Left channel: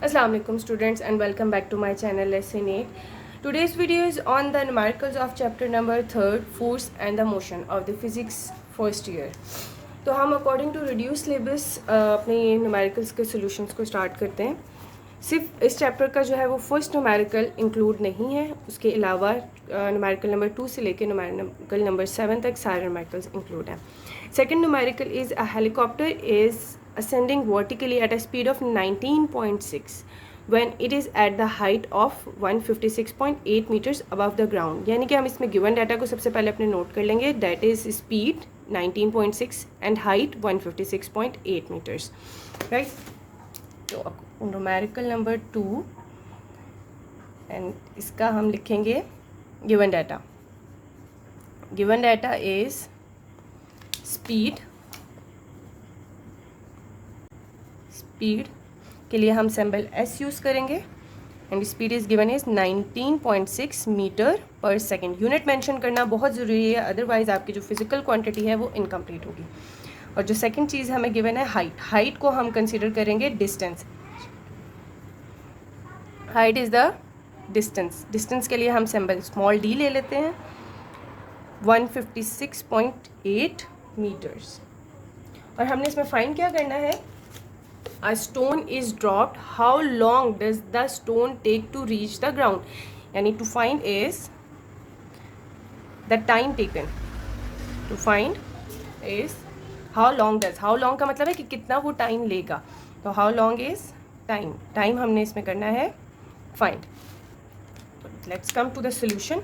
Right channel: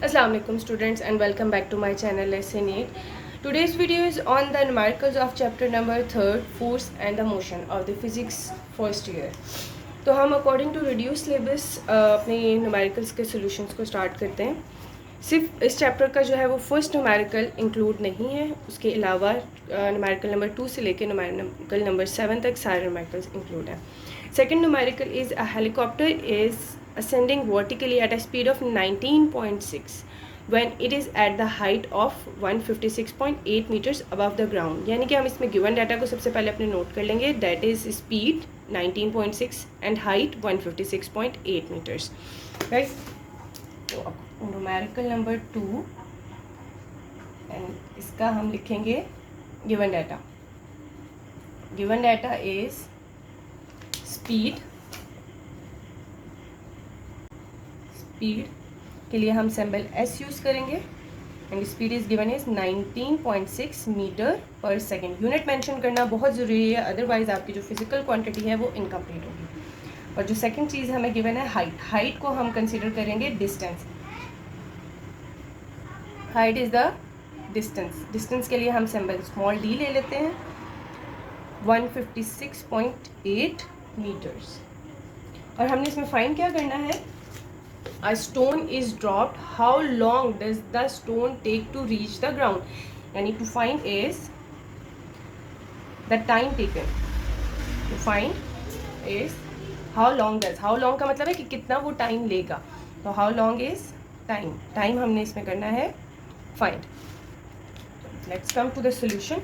Assalamu alaikum students and welcome back to my channel lesson 8. Today's video is on the numericals of chapter number 3 force and the motion of the physics first year. तो हम according to reduce syllabus अपने numericals के solutions को start करते हैं. सिर्फ इस chapter का जो है वो फर्स्ट न्यूमेरिकल इंक्लूड नहीं है, उसके अलावा न्यूमेरिकल नंबर 2 से लेकर न्यूमेरिकल नंबर 7 तक सारे न्यूमेरिकल्स इंक्लूड हैं. Second numerical is a helicopter is ascending vertically at a speed of 19.6 when it is at the height of 156.8 meters above the ground. यानी कि हम इसमें गिवन डाटा को सबसे पहले अपने नोट कर लेंगे. That is speed 19.6 and height 156.8 metres. Right, तो न्यूमेरिकल नंबर 2 एंड इसका हम लिखेंगे given data. Given data is speed के लिए हम सिंबल एस यूज़ करेंगे and speed is given is 19.6 metre per second. Unit mention करना बहुत ज़रूरी है, अदरवाइज आपकी जो फिजिकल क्वांटिटी है वो इनकम्प्लीट होगी. और जो सेकंड चीज़ हमें गिवन है हाइट को हम कंसिडर करेंगे distance. Height is the distance के लिए हम सिंबल स्मॉल डी ले लेते हैं. 156.8 मीटर्स. और हमने इसमें फाइंड क्या करना है. A stone is dropped. How long does the stone take to reach the ground? यानी to find is the time taken. To find is how long का मतलब है कि कितना वो टाइम लेगा. तो how long is टाइम हमने इसमें करना है find. Let's come to the solution.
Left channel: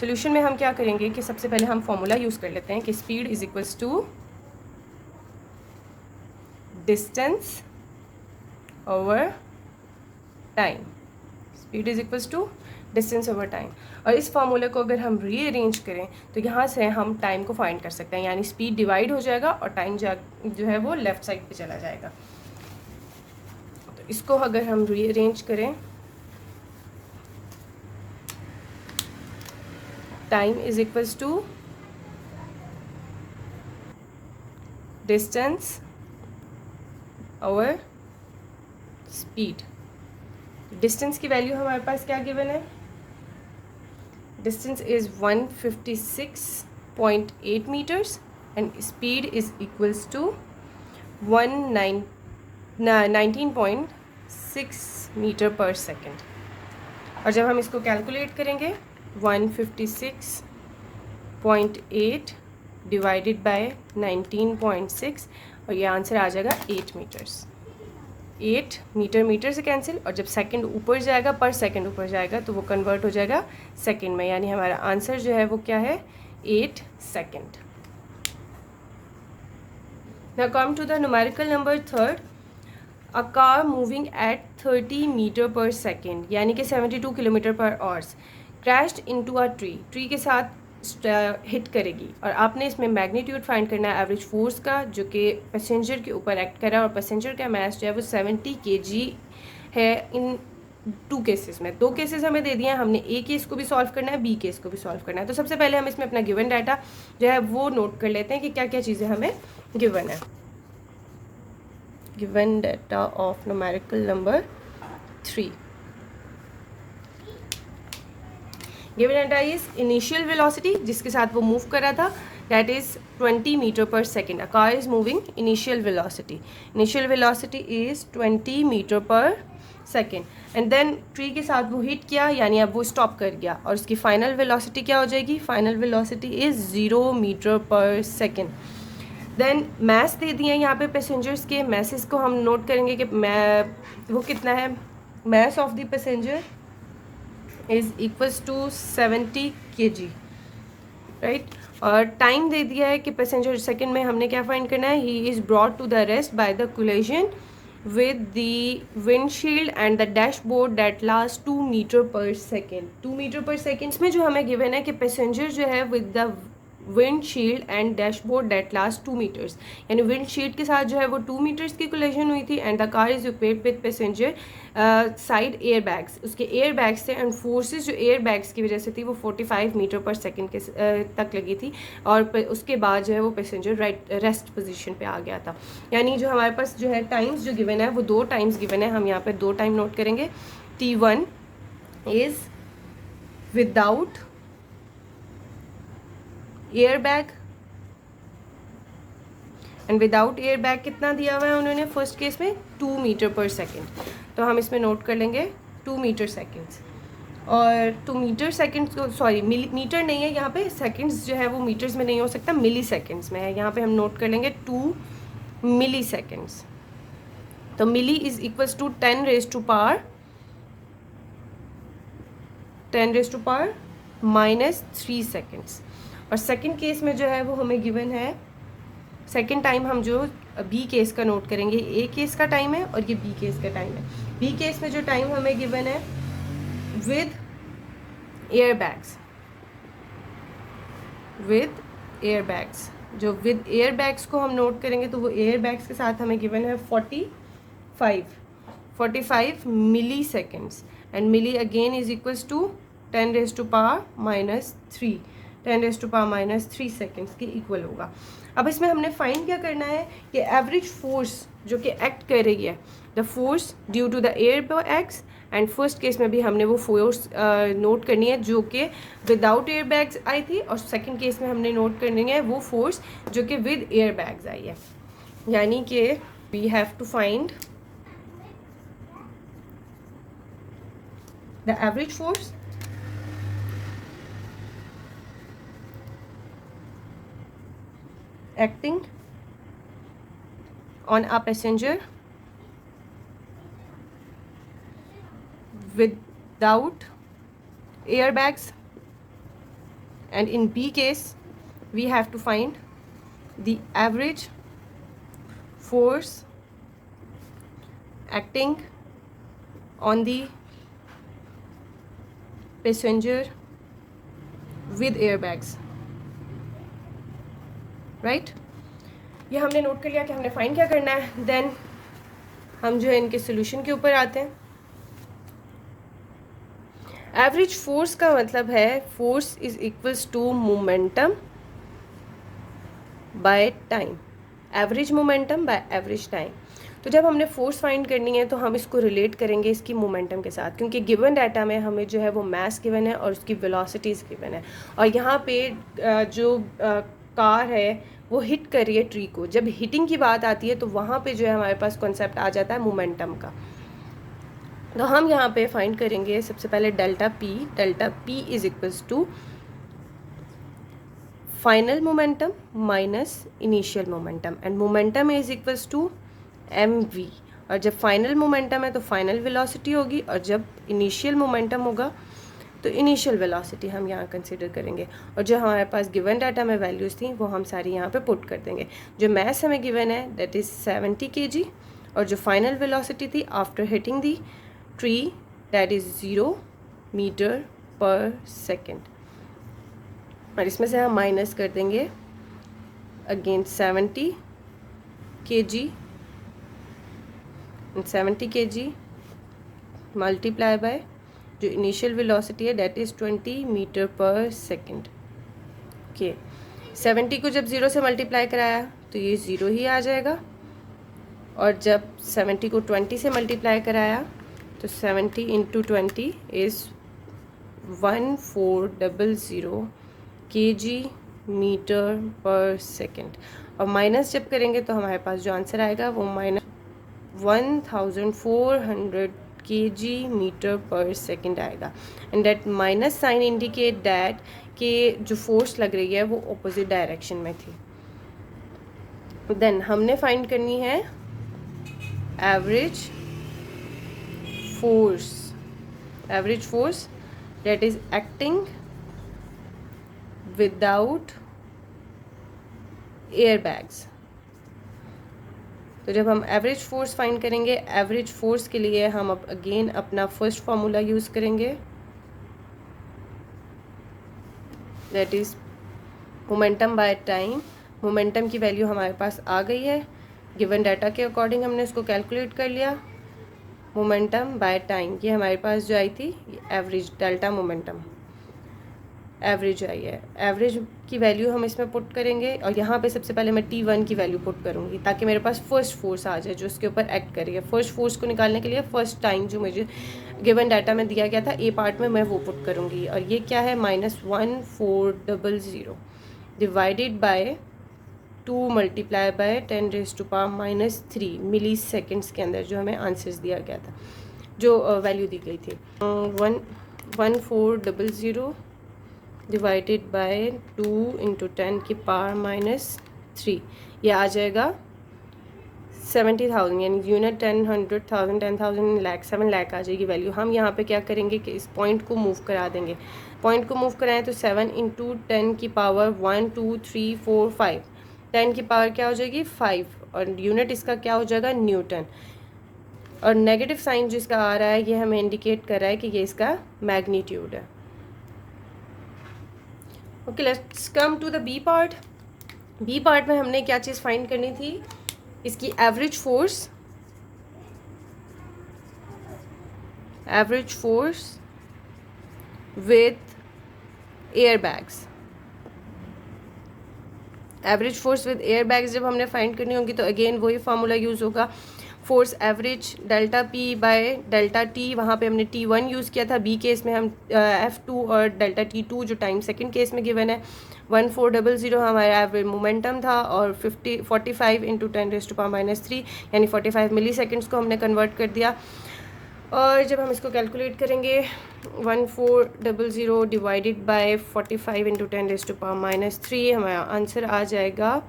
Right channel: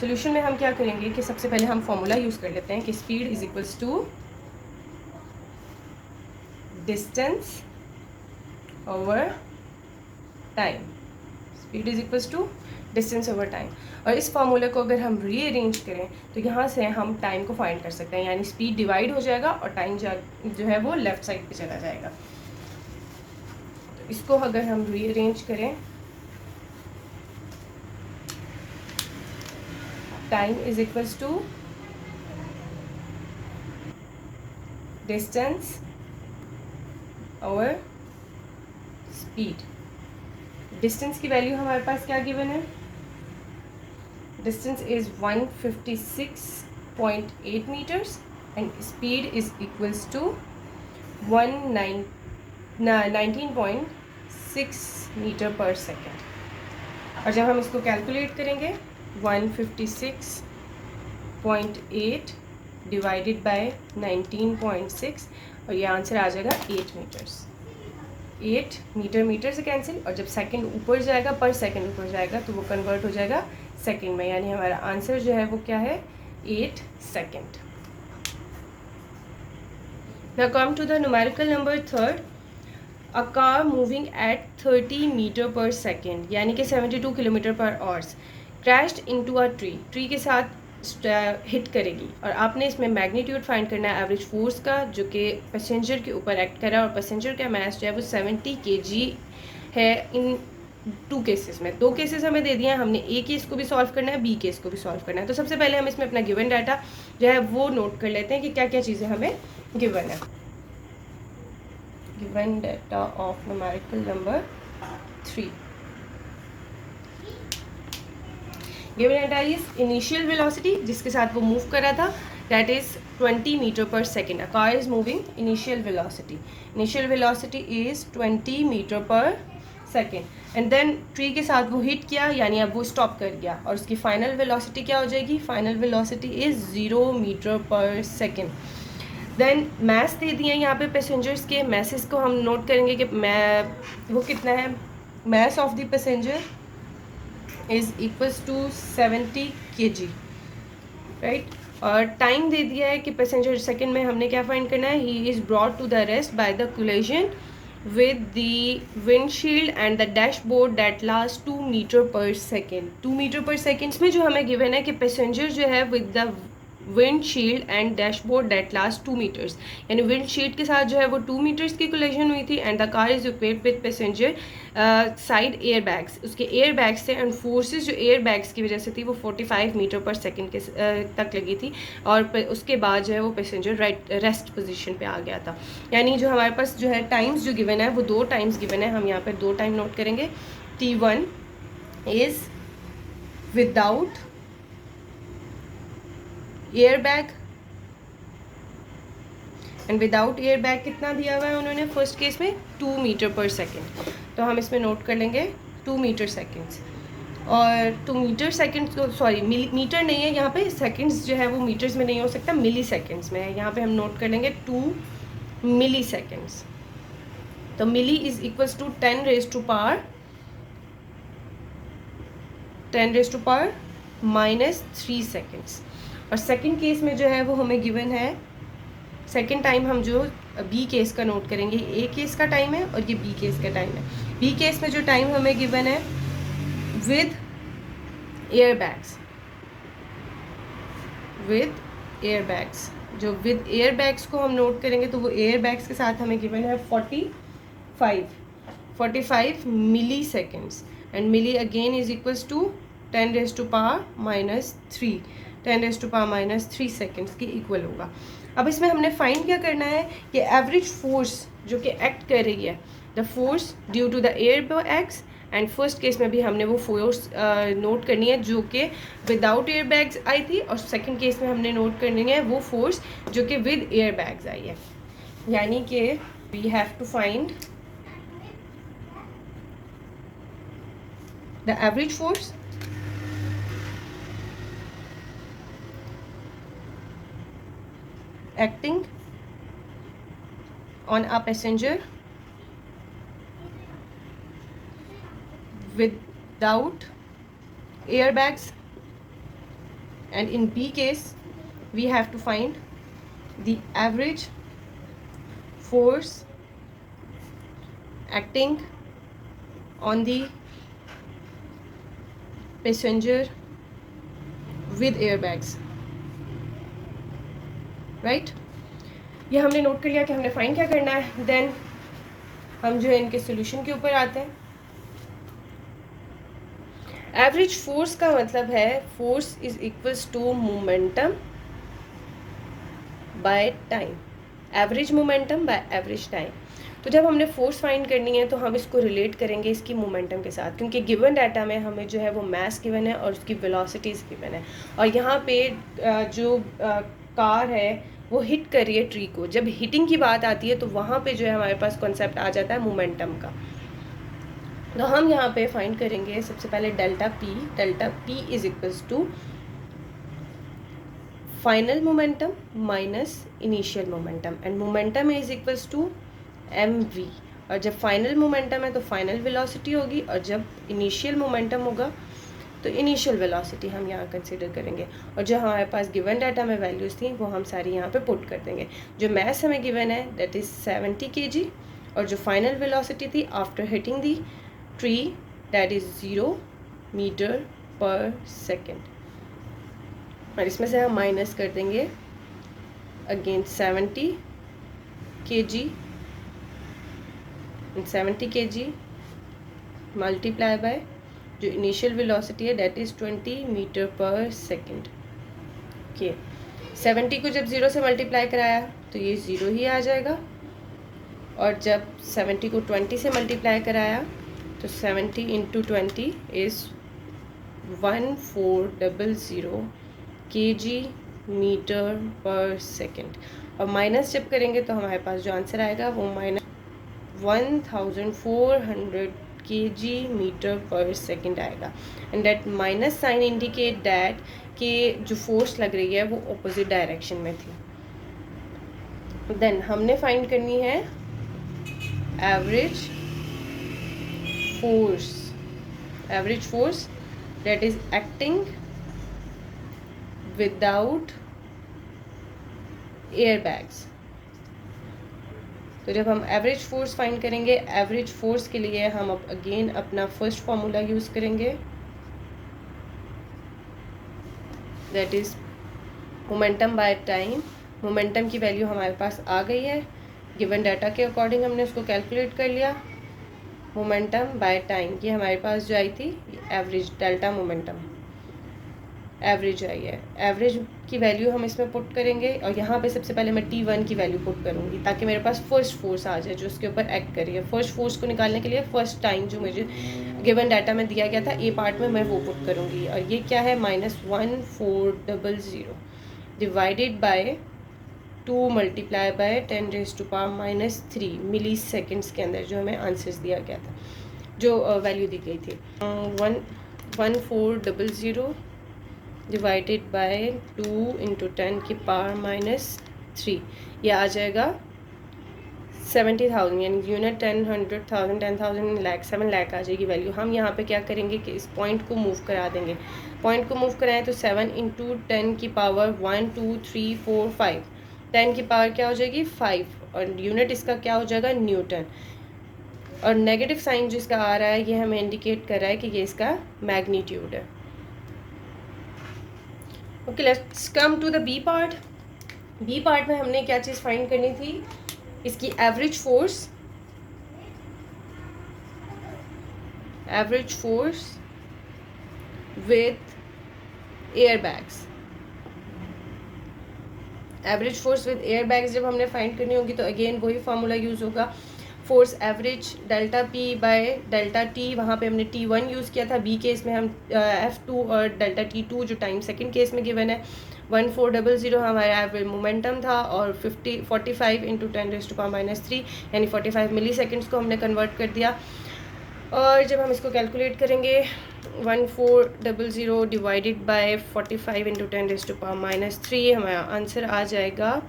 Solution में हम क्या करेंगे कि सबसे पहले हम फॉर्मूला यूज़ कर लेते हैं कि speed is equals to distance over time. Speed is equals to distance over time. और इस फॉर्मूले को अगर हम रीअरेंज करें तो यहाँ से हम टाइम को फाइंड कर सकते हैं. यानी स्पीड डिवाइड हो जाएगा और टाइम जो है वो लेफ्ट साइड पे चला जाएगा. तो इसको अगर हम रीअरेंज करें, time is equals to distance और स्पीड. डिस्टेंस की वैल्यू हमारे पास क्या गिवन है. Distance is 156.8 metres and speed is equals to 19.6 metre per second. और जब हम इसको कैलकुलेट करेंगे 156.8 डिवाइडेड बाय 19.6 और ये आंसर आ जाएगा 8 मीटर्स. 8 मीटर से कैंसिल, और जब सेकंड ऊपर जाएगा पर सेकंड ऊपर जाएगा तो वो कन्वर्ट हो जाएगा सेकंड में. यानी हमारा आंसर जो है वो क्या है 8 second. Now come to the numerical number 3. A car moving at 30 metre per second यानी कि 72 kilometre per hours crashed into a tree के साथ हिट करेगी. और आपने इसमें मैग्नीट्यूड फाइंड करना है एवरेज फोर्स का जो कि पैसेंजर के ऊपर एक्ट कर रहा है. और पैसेंजर का मास जो है वो 70 kg है इन 2 केसेस में. 2 केसेस हमें दे दिए हैं, हमने ए केस को भी सॉल्व करना है, बी केस को भी सॉल्व करना है. तो सबसे पहले हम इसमें अपना गिवन डाटा जो है वो नोट कर लेते हैं कि क्या क्या चीज़ें हमें गिवन है. Given data of numerical number 3. Given data is initial velocity जिसके साथ वो मूव कर रहा था, that is 20 metre per second. A car is moving initial velocity is 20 metre per second. And then tree के साथ वो हिट किया यानी अब वो स्टॉप कर गया और उसकी फाइनल वेलोसिटी क्या हो जाएगी. Final velocity is 0 metre per second. Then mess दे दिए हैं यहाँ पे पैसेंजर्स के. मैसेस को हम नोट करेंगे कि वो कितना है. Mass of the passenger is equals to 70 kg. Right, और टाइम दे दिया है कि पैसेंजर सेकंड में हमने क्या फाइंड करना है. He is brought to the rest by the collision with the windshield and the dashboard that last 2 metre per second. 2 metre per second में जो हमें गिवन है कि पैसेंजर जो है with the windshield and dashboard that last 2 metres, यानी windshield के साथ जो है वो 2 मीटर्स की कोलिजन हुई थी। And the car is equipped with passenger side air bags, उसके एयर बैग्स थे एंड फोर्सेस जो एयर बैग्स की वजह से थी वो 45 मीटर पर सेकेंड के तक लगी थी। और उसके बाद जो है वो पैसेंजर रेस्ट पोजीशन पे आ गया था। यानी जो हमारे पास जो है टाइम्स जो गिवन है वो 2 टाइम्स गिवन है, हम यहाँ पे 2 टाइम नोट करेंगे। T1 is without air bag and without air bag कितना दिया हुआ है उन्होंने फर्स्ट केस में 2 मीटर पर सेकेंड, तो हम इसमें नोट कर लेंगे 2 मीटर सेकेंड्स। और 2 मीटर सेकेंड्स, सॉरी मीटर नहीं है यहाँ पे, सेकेंड्स जो है वो मीटर्स में नहीं हो सकता, मिली सेकेंड्स में है। यहाँ पे हम नोट कर लेंगे 2 मिली सेकेंड्स। तो milli is equals to 10 raise to power -3 seconds. और सेकेंड केस में जो है वो हमें गिवन है, सेकेंड टाइम हम जो बी केस का नोट करेंगे, ए केस का टाइम है और ये बी केस का टाइम है। बी केस में जो टाइम हमें गिवन है विद एयर बैग्स, जो विद एयर बैग्स को हम नोट करेंगे तो वो एयर बैग्स के साथ हमें गिवन है 45 milli seconds. And milli again is equals to 10 raise to power -3 seconds के इक्वल होगा। अब इसमें हमने फाइंड क्या करना है कि एवरेज फोर्स जो कि एक्ट कर रही है, the force due to the air bags. And first case में भी हमने वो फोर्स नोट करनी है जो कि विदाउट एयर बैग्स आई थी, और सेकंड केस में हमने नोट करनी है वो फोर्स जो कि विद एयर बैग्स आई है। यानी कि we have to find the average force acting on a passenger without airbags, and in B case we have to find the average force acting on the passenger with airbags, right. ये हमने note कर लिया कि हमने find क्या करना है। Then हम जो है इनके सोल्यूशन के ऊपर आते हैं। एवरेज फोर्स का मतलब है force is equals to momentum by time, average momentum by average time. तो जब हमने फोर्स फाइंड करनी है तो हम इसको रिलेट करेंगे इसकी मोमेंटम के साथ, क्योंकि गिवन डाटा में हमें जो है वो मास गिवन है और उसकी वेलोसिटीज गिवन है। और यहाँ पे जो कार है वो हिट कर रही है ट्री को। जब हिटिंग की बात आती है तो वहाँ पे जो है हमारे पास कॉन्सेप्ट आ जाता है मोमेंटम का। तो हम यहाँ पे फाइंड करेंगे सबसे पहले delta P is equals to final momentum minus initial momentum, and momentum is equals to mv। और जब फाइनल मोमेंटम है तो फाइनल वेलोसिटी होगी, और जब इनिशियल मोमेंटम होगा तो इनिशियल वेलोसिटी हम यहाँ कंसिडर करेंगे। और जो हमारे पास गिवन डाटा में वैल्यूज़ थी वो हम सारी यहाँ पे पुट कर देंगे। जो मैस हमें गिवन है दैट इज़ 70 kg, और जो फाइनल वेलोसिटी थी after hitting the tree that is 0 metre per second. और इसमें से हम माइनस कर देंगे again 70 kg, 70 kg multiply by जो इनिशियल वेलोसिटी है that is 20 metre per second. Okay, 70 को जब 0 से मल्टीप्लाई कराया तो ये 0 ही आ जाएगा, और जब 70 को 20 से मल्टीप्लाई कराया तो 70 into 20 is 1400 kg metre per second. और माइनस जब करेंगे तो हमारे पास जो आंसर आएगा वो -1400 kg मीटर पर सेकेंड आएगा। And that minus sign indicate that कि जो फोर्स लग रही है वो ऑपोजिट डायरेक्शन में थी। देन हमने फाइंड करनी है average force that is acting without air bags. तो जब हम एवरेज फोर्स फाइंड करेंगे, एवरेज फोर्स के लिए हम अब अगेन अपना फर्स्ट फार्मूला यूज़ करेंगे that is momentum by time, momentum की वैल्यू हमारे पास आ गई है, गिवन डाटा के अकॉर्डिंग हमने उसको कैलकुलेट कर लिया। मोमेंटम बाय टाइम ये हमारे पास जो आई थी एवरेज डेल्टा मोमेंटम एवरेज आई है। एवरेज की वैल्यू हम इसमें पुट करेंगे और यहाँ पे सबसे पहले मैं T1 की वैल्यू पुट करूँगी ताकि मेरे पास फर्स्ट फोर्स आ जाए जो उसके ऊपर एक्ट करेगी। फर्स्ट फोर्स को निकालने के लिए फर्स्ट टाइम जो मुझे गिवन डाटा में दिया गया था ए पार्ट में मैं वो पुट करूँगी और ये क्या है -1400 divided by 2 multiply by 10⁻³ milliseconds के अंदर जो हमें आंसर्स दिया गया था, जो वैल्यू दी गई थी 1400 डिवाइडेड बाय 2 × 10⁻³ ये आ जाएगा 70,000 यानी यूनिट 10, 100,000, 10,000 लाख 7 लाख आ जाएगी वैल्यू। हम यहाँ पे क्या करेंगे कि इस पॉइंट को मूव करा देंगे। पॉइंट को मूव कराएं तो 7 × 10⁻1 2 3 4 5 10 की पावर क्या हो जाएगी 5 और यूनिट इसका क्या हो जाएगा न्यूटन। और नेगेटिव साइन जो इसका आ रहा है ये हमें इंडिकेट कर रहा है कि ये इसका मैग्नीट्यूड है। Okay, let's come to the B part. B part में हमने क्या चीज़ फाइंड करनी थी, इसकी average force with air bags. Average force with air bags जब हमने फाइंड करनी होगी तो अगेन वही फार्मूला यूज़ होगा, force average delta P by delta T. वहाँ पे हमने T1 यूज़ किया था, बी केस में हम F2 और डेल्टा T2 जो टाइम सेकंड केस में गिवन है 1400 हमारा एवरेज मोमेंटम था और 45 × 10⁻³ यानी 45 मिली सेकेंड्स को हमने कन्वर्ट कर दिया। और जब हम इसको कैलकुलेट करेंगे 1400 डिवाइडेड बाय 45 × 10⁻³ हमारा आंसर आ जाएगा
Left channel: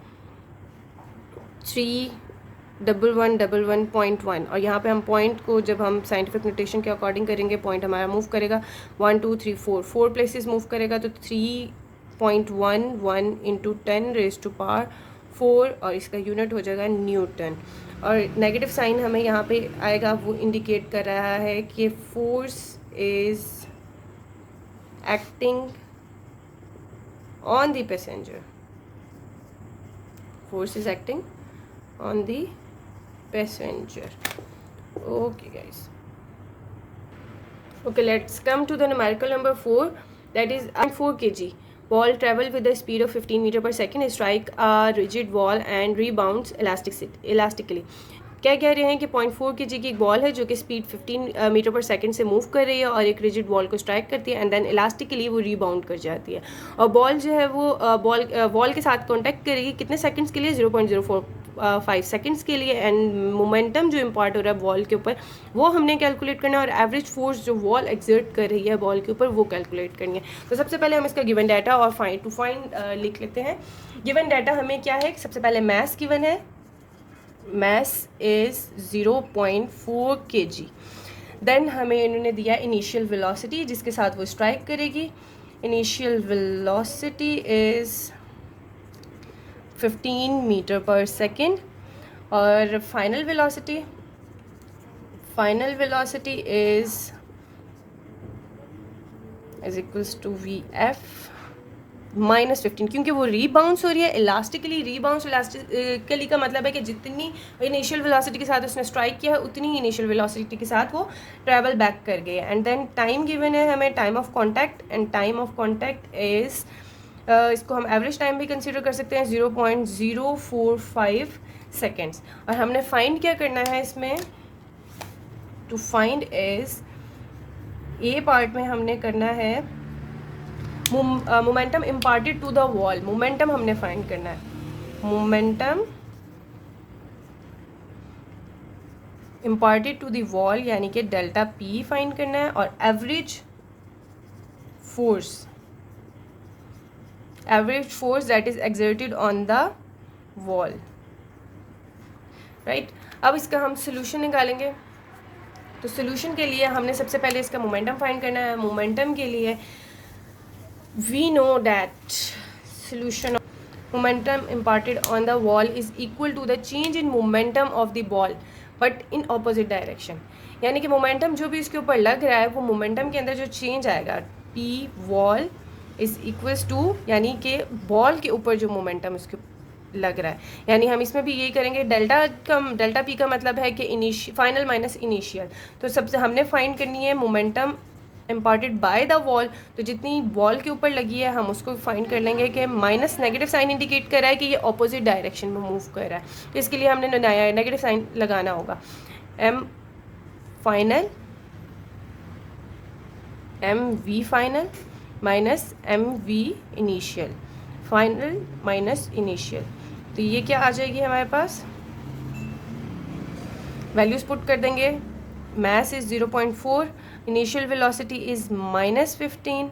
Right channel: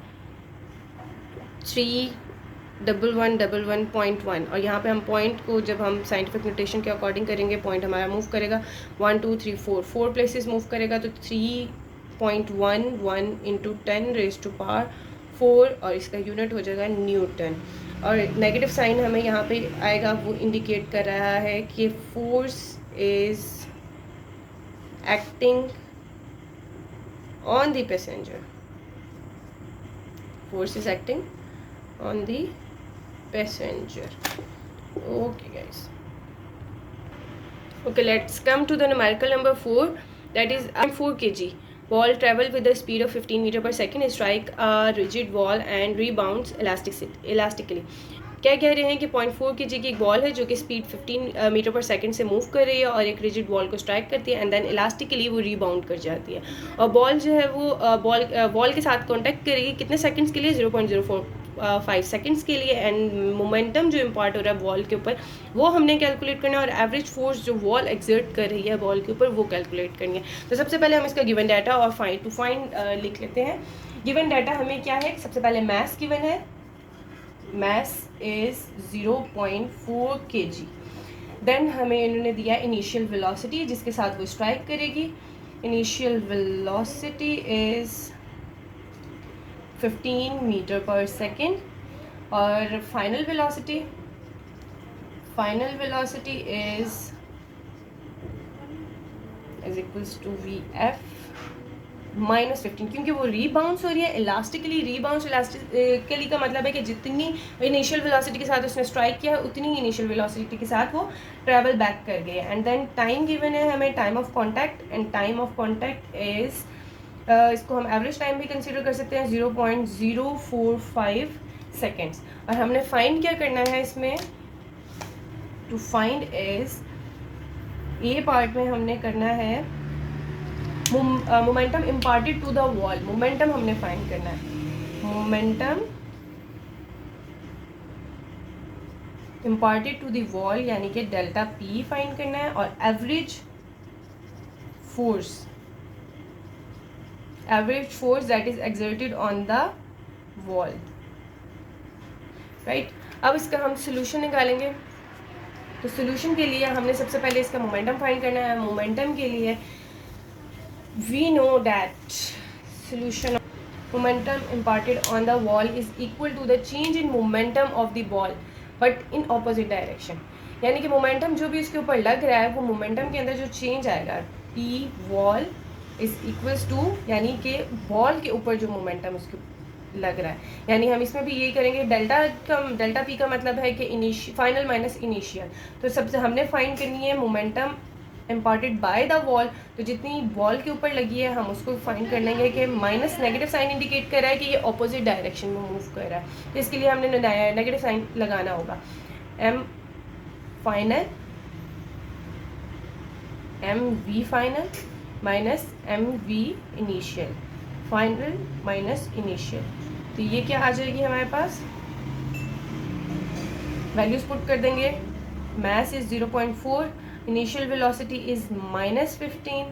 31111.1 और यहाँ पे हम पॉइंट को जब हम साइंटिफिक नोटेशन के अकॉर्डिंग करेंगे पॉइंट हमारा मूव करेगा 1 2 3 4 प्लेसेस मूव करेगा तो 3.11 × 10⁻⁴ और इसका यूनिट हो जाएगा न्यूटन। और नेगेटिव साइन हमें यहाँ पे आएगा, वो इंडिकेट कर रहा है कि force is acting on the passenger, force is acting on the passenger. Okay guys, okay, let's come to the numerical number 4, that is 4 kg ball travel with a speed of 15 meter per second, strike a rigid wall and rebounds elastically। क्या कह रहे हैं कि 0.4 kg की एक ball है जो कि स्पीड 15 मीटर पर सेकंड से मूव कर रही है और एक रिजिड वॉल को स्ट्राइक करती है एंड देन इलास्टिकली वो रीबाउंड कर जाती है और बॉल जो है वो वॉल के साथ कांटेक्ट करेगी कितने सेकंड्स के लिए 0.045 सेकंड्स के लिए। एंड मोमेंटम जो इम्पार्ट हो रहा है बॉल के ऊपर वो हमने कैलकुलेट करना है और एवरेज फोर्स जो वॉल एक्सर्ट कर रही है बॉल के ऊपर वो कैलकुलेट करनी है। तो सबसे पहले हम इसका गिवन डाटा और फाइंड लिख लेते हैं। गिवन डाटा हमें क्या है, सबसे पहले मास गिवन है, mass is 0.4 kg। देन हमें इन्होंने दिया इनिशियल वेलोसिटी जिसके साथ वो स्ट्राइक करेगी। Initial velocity is 15 metre per second और final velocity is equals to VF -15 क्योंकि वो रीबाउंस हो रही है इलास्टिकली। इलास्टिकली का मतलब है कि जितनी इनिशियल वेलोसिटी के साथ उसने स्ट्राइक किया है उतनी ही इनिशियल वेलोसिटी के साथ वो ट्रैवल बैक कर गए। एंड देन टाइम गिवन है हमें time of contact and time of contact is इसको हम एवरेज टाइम भी कंसीडर कर सकते हैं 0.045 सेकेंड्स। और हमने फाइंड क्या करना है इसमें, to find is A part में हमने करना है momentum imparted to the wall. Momentum हमने फाइंड करना है, momentum imparted to the wall यानी कि डेल्टा पी फाइंड करना है और average force that is exerted on the wall, right. अब इसका हम सोल्यूशन निकालेंगे। तो सोल्यूशन के लिए हमने सबसे पहले इसका मोमेंटम फाइंड करना है। मोमेंटम के लिए we know that solution of momentum imparted on the wall is equal to the change in momentum of the ball but in opposite direction। यानी कि मोमेंटम जो भी इसके ऊपर लग रहा है वो मोमेंटम के अंदर जो चेंज आएगा P wall is equals to, यानी कि बॉल के ऊपर जो मोमेंटम इसके लग रहा है, यानी हम इसमें भी यही करेंगे। डेल्टा पी का मतलब है कि फाइनल माइनस इनिशियल। तो सबसे हमने फाइंड करनी है momentum imparted by the wall, तो जितनी वॉल के ऊपर लगी है हम उसको फाइंड कर लेंगे कि माइनस नेगेटिव साइन इंडिकेट कर रहा है कि ये ऑपोजिट डायरेक्शन में मूव कर रहा है, तो इसके लिए हमने नेगेटिव साइन लगाना होगा। M final M V final minus M V initial, final minus initial, तो ये क्या आ जाएगी हमारे पास, वैल्यूज पुट कर देंगे। Mass is 0.4, initial velocity is -15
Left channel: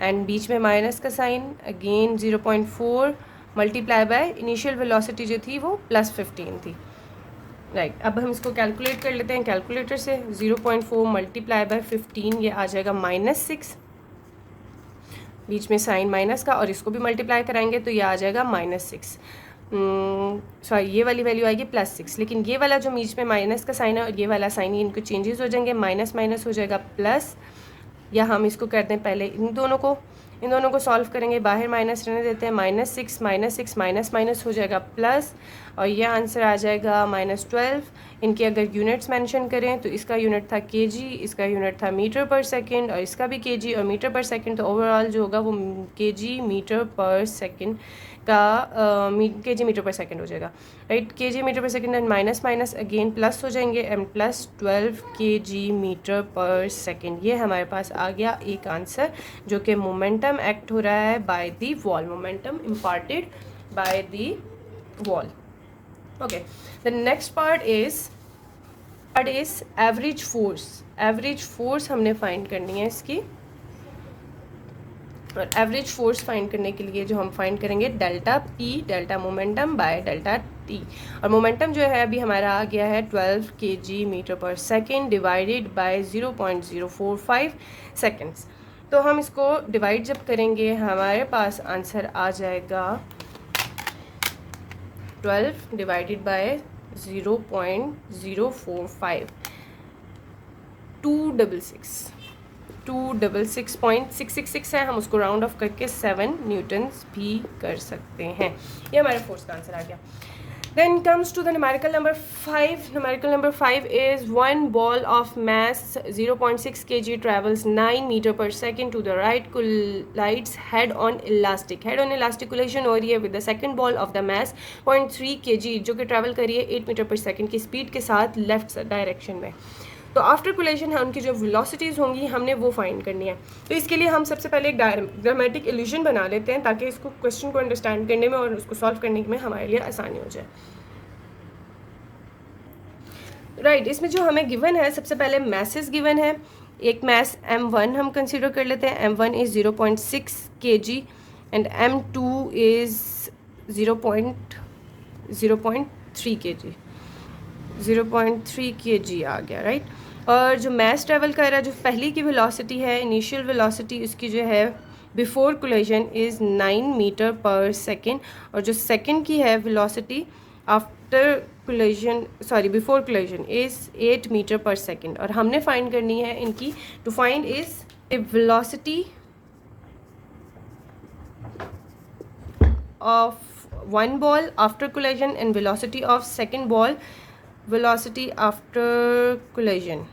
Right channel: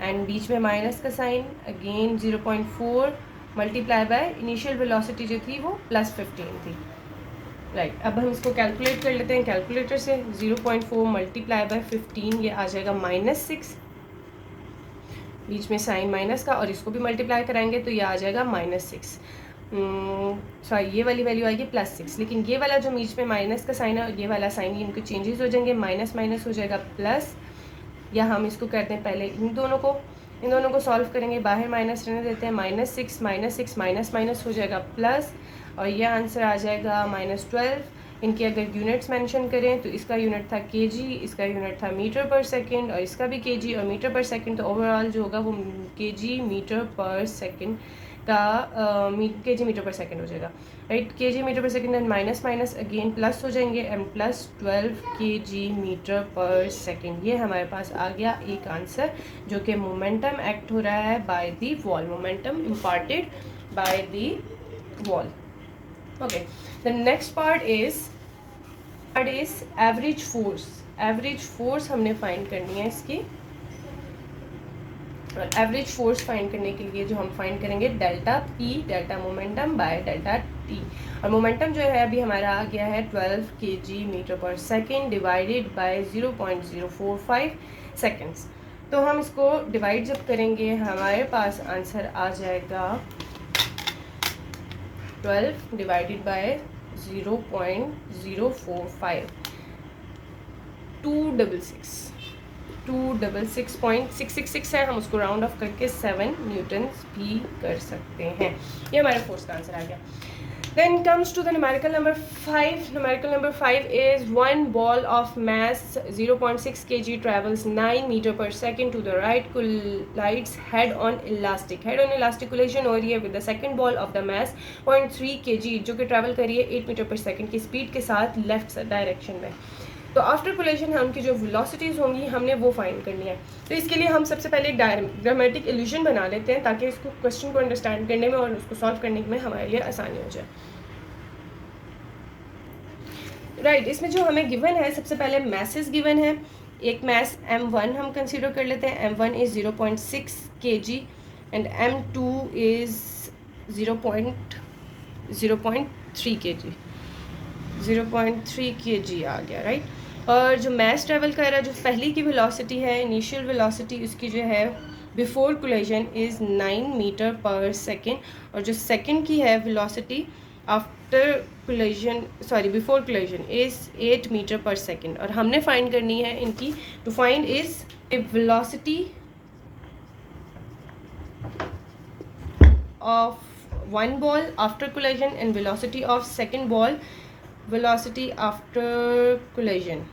and बीच में माइनस का sign, again 0.4 multiply by initial velocity जो थी वो +15 थी। राइट, अब हम इसको कैलकुलेट कर लेते हैं कैलकुलेटर से। 0.4 मल्टीप्लाई बाय 15, ये आ जाएगा -6, बीच में साइन माइनस का, और इसको भी मल्टीप्लाई कराएंगे तो ये आ जाएगा -6, सॉरी ये वाली वैल्यू आएगी +6, लेकिन ये वाला जो बीच में माइनस का साइन है और ये वाला साइन, ये इनको चेंजेस हो जाएंगे, माइनस माइनस हो जाएगा प्लस, या हम इसको करते हैं पहले इन दोनों को सॉल्व करेंगे, बाहर माइनस रहने देते हैं, -6 माइनस माइनस हो जाएगा प्लस, और ये आंसर आ जाएगा -12। इनके अगर यूनिट्स मेंशन करें तो इसका यूनिट था केजी, इसका यूनिट था मीटर पर सेकंड, और इसका भी केजी और मीटर पर सेकंड, तो ओवरऑल जो होगा वो केजी मीटर पर सेकंड का केजी मीटर पर सेकंड हो जाएगा। राइट, केजी मीटर पर second and minus minus again plus हो जाएंगे, एंड +12 केजी मीटर पर सेकंड, ये हमारे पास आ गया एक आंसर, जो कि मोमेंटम एक्ट हो रहा है by the wall, momentum imparted by the wall. Okay, the next part is average force. Average force हमने फाइंड करनी है इसकी, और एवरेज फोर्स फाइंड करने के लिए जो हम फाइंड करेंगे delta P, delta momentum bye delta T, और मोमेंटम जो है अभी हमारा आ गया है 12 kg metre per second divided by 0.045 seconds. तो हम इसको डिवाइड जब करेंगे हमारे पास आंसर आ जाएगा 12 डिवाइडेड बाय 0.045, 266.666 है, हम उसको राउंड ऑफ करके 7 न्यूटन्स भी कर सकते हैं। ये हमारे फोर्स का आंसर आ गया। Then comes to the numerical number 5. Numerical number 5 is one ball of mass 0.6 kg travels 9 meter per second to the right, collides head on elastic. Head on elastic collision हो रही है with the second ball of the mass 0.3 kg जो कि travel कर रही है 8 metre per second की speed के साथ लेफ्ट डायरेक्शन में। तो आफ्टर कोलिजन है उनकी जो वेलोसिटीज़ होंगी हमने वो फाइंड करनी है। तो इसके लिए हम सबसे पहले एक ग्रामेटिक इल्यूजन बना लेते हैं ताकि इसको क्वेश्चन को अंडरस्टैंड करने में और उसको सॉल्व करने में हमारे लिए आसानी हो जाए। राइट, इसमें जो हमें गिवन है सबसे पहले मैसेस गिवन है। एक मैस m1 हम कंसीडर कर लेते हैं। m1 is 0.6 kg and m2 is 0.3 kg, 0.3 kg आ गया। राइट, और जो मैस ट्रेवल कर रहा है, जो पहली की वेलोसिटी है, इनिशियल वेलोसिटी उसकी जो है before collision is 9 metre per second, और जो सेकेंड की है velocity after collision, sorry before collision is 8 metre per second. और हमने फाइंड करनी है इनकी, to find is velocity of one ball after collision and velocity of second ball, velocity after collision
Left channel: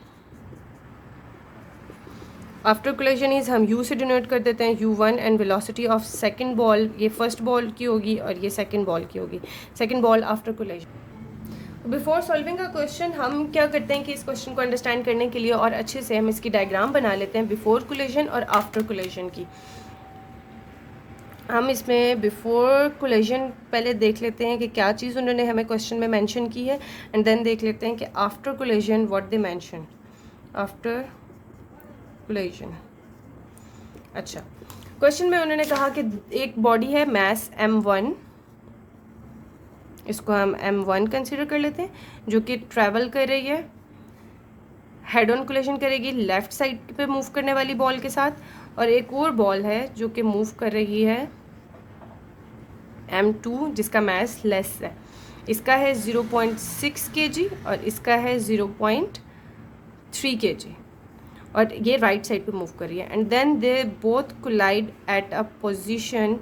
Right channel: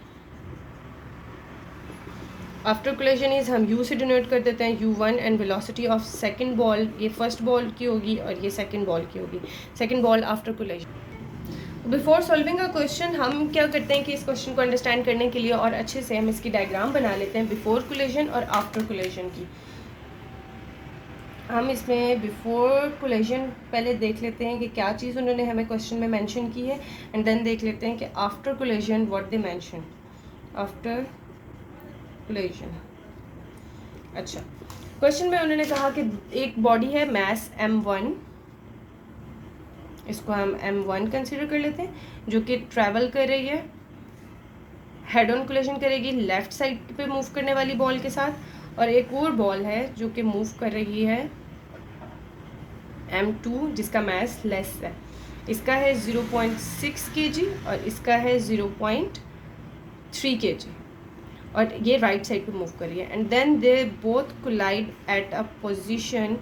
is हम u से denote कर देते हैं u1, and velocity of second ball, ये फर्स्ट बॉल की होगी और ये सेकंड बॉल की होगी, second ball after collision. Before solving a question हम क्या करते हैं कि इस क्वेश्चन को अंडरस्टैंड करने के लिए और अच्छे से हम इसकी डायग्राम बना लेते हैं बिफोर कोलिजन और आफ्टर कोलिजन की। हम इसमें बिफोर कोलिजन पहले देख लेते हैं कि क्या चीज़ उन्होंने हमें क्वेश्चन में मेंशन की है, एंड देन देख लेते हैं कि after collision what they mention after collision. अच्छा, क्वेश्चन में उन्होंने कहा कि एक बॉडी है मैस m1, इसको हम m1 कंसीडर कर लेते हैं, जो कि ट्रैवल कर रही है, हेड ऑन कोलिजन करेगी लेफ्ट साइड पे मूव करने वाली बॉल के साथ, और एक और बॉल है जो कि मूव कर रही है m2 जिसका मास लेस है। इसका है 0.6 kg और इसका है 0.3 kg। और ये राइट साइड पे मूव कर रही है, and then they both collide at a position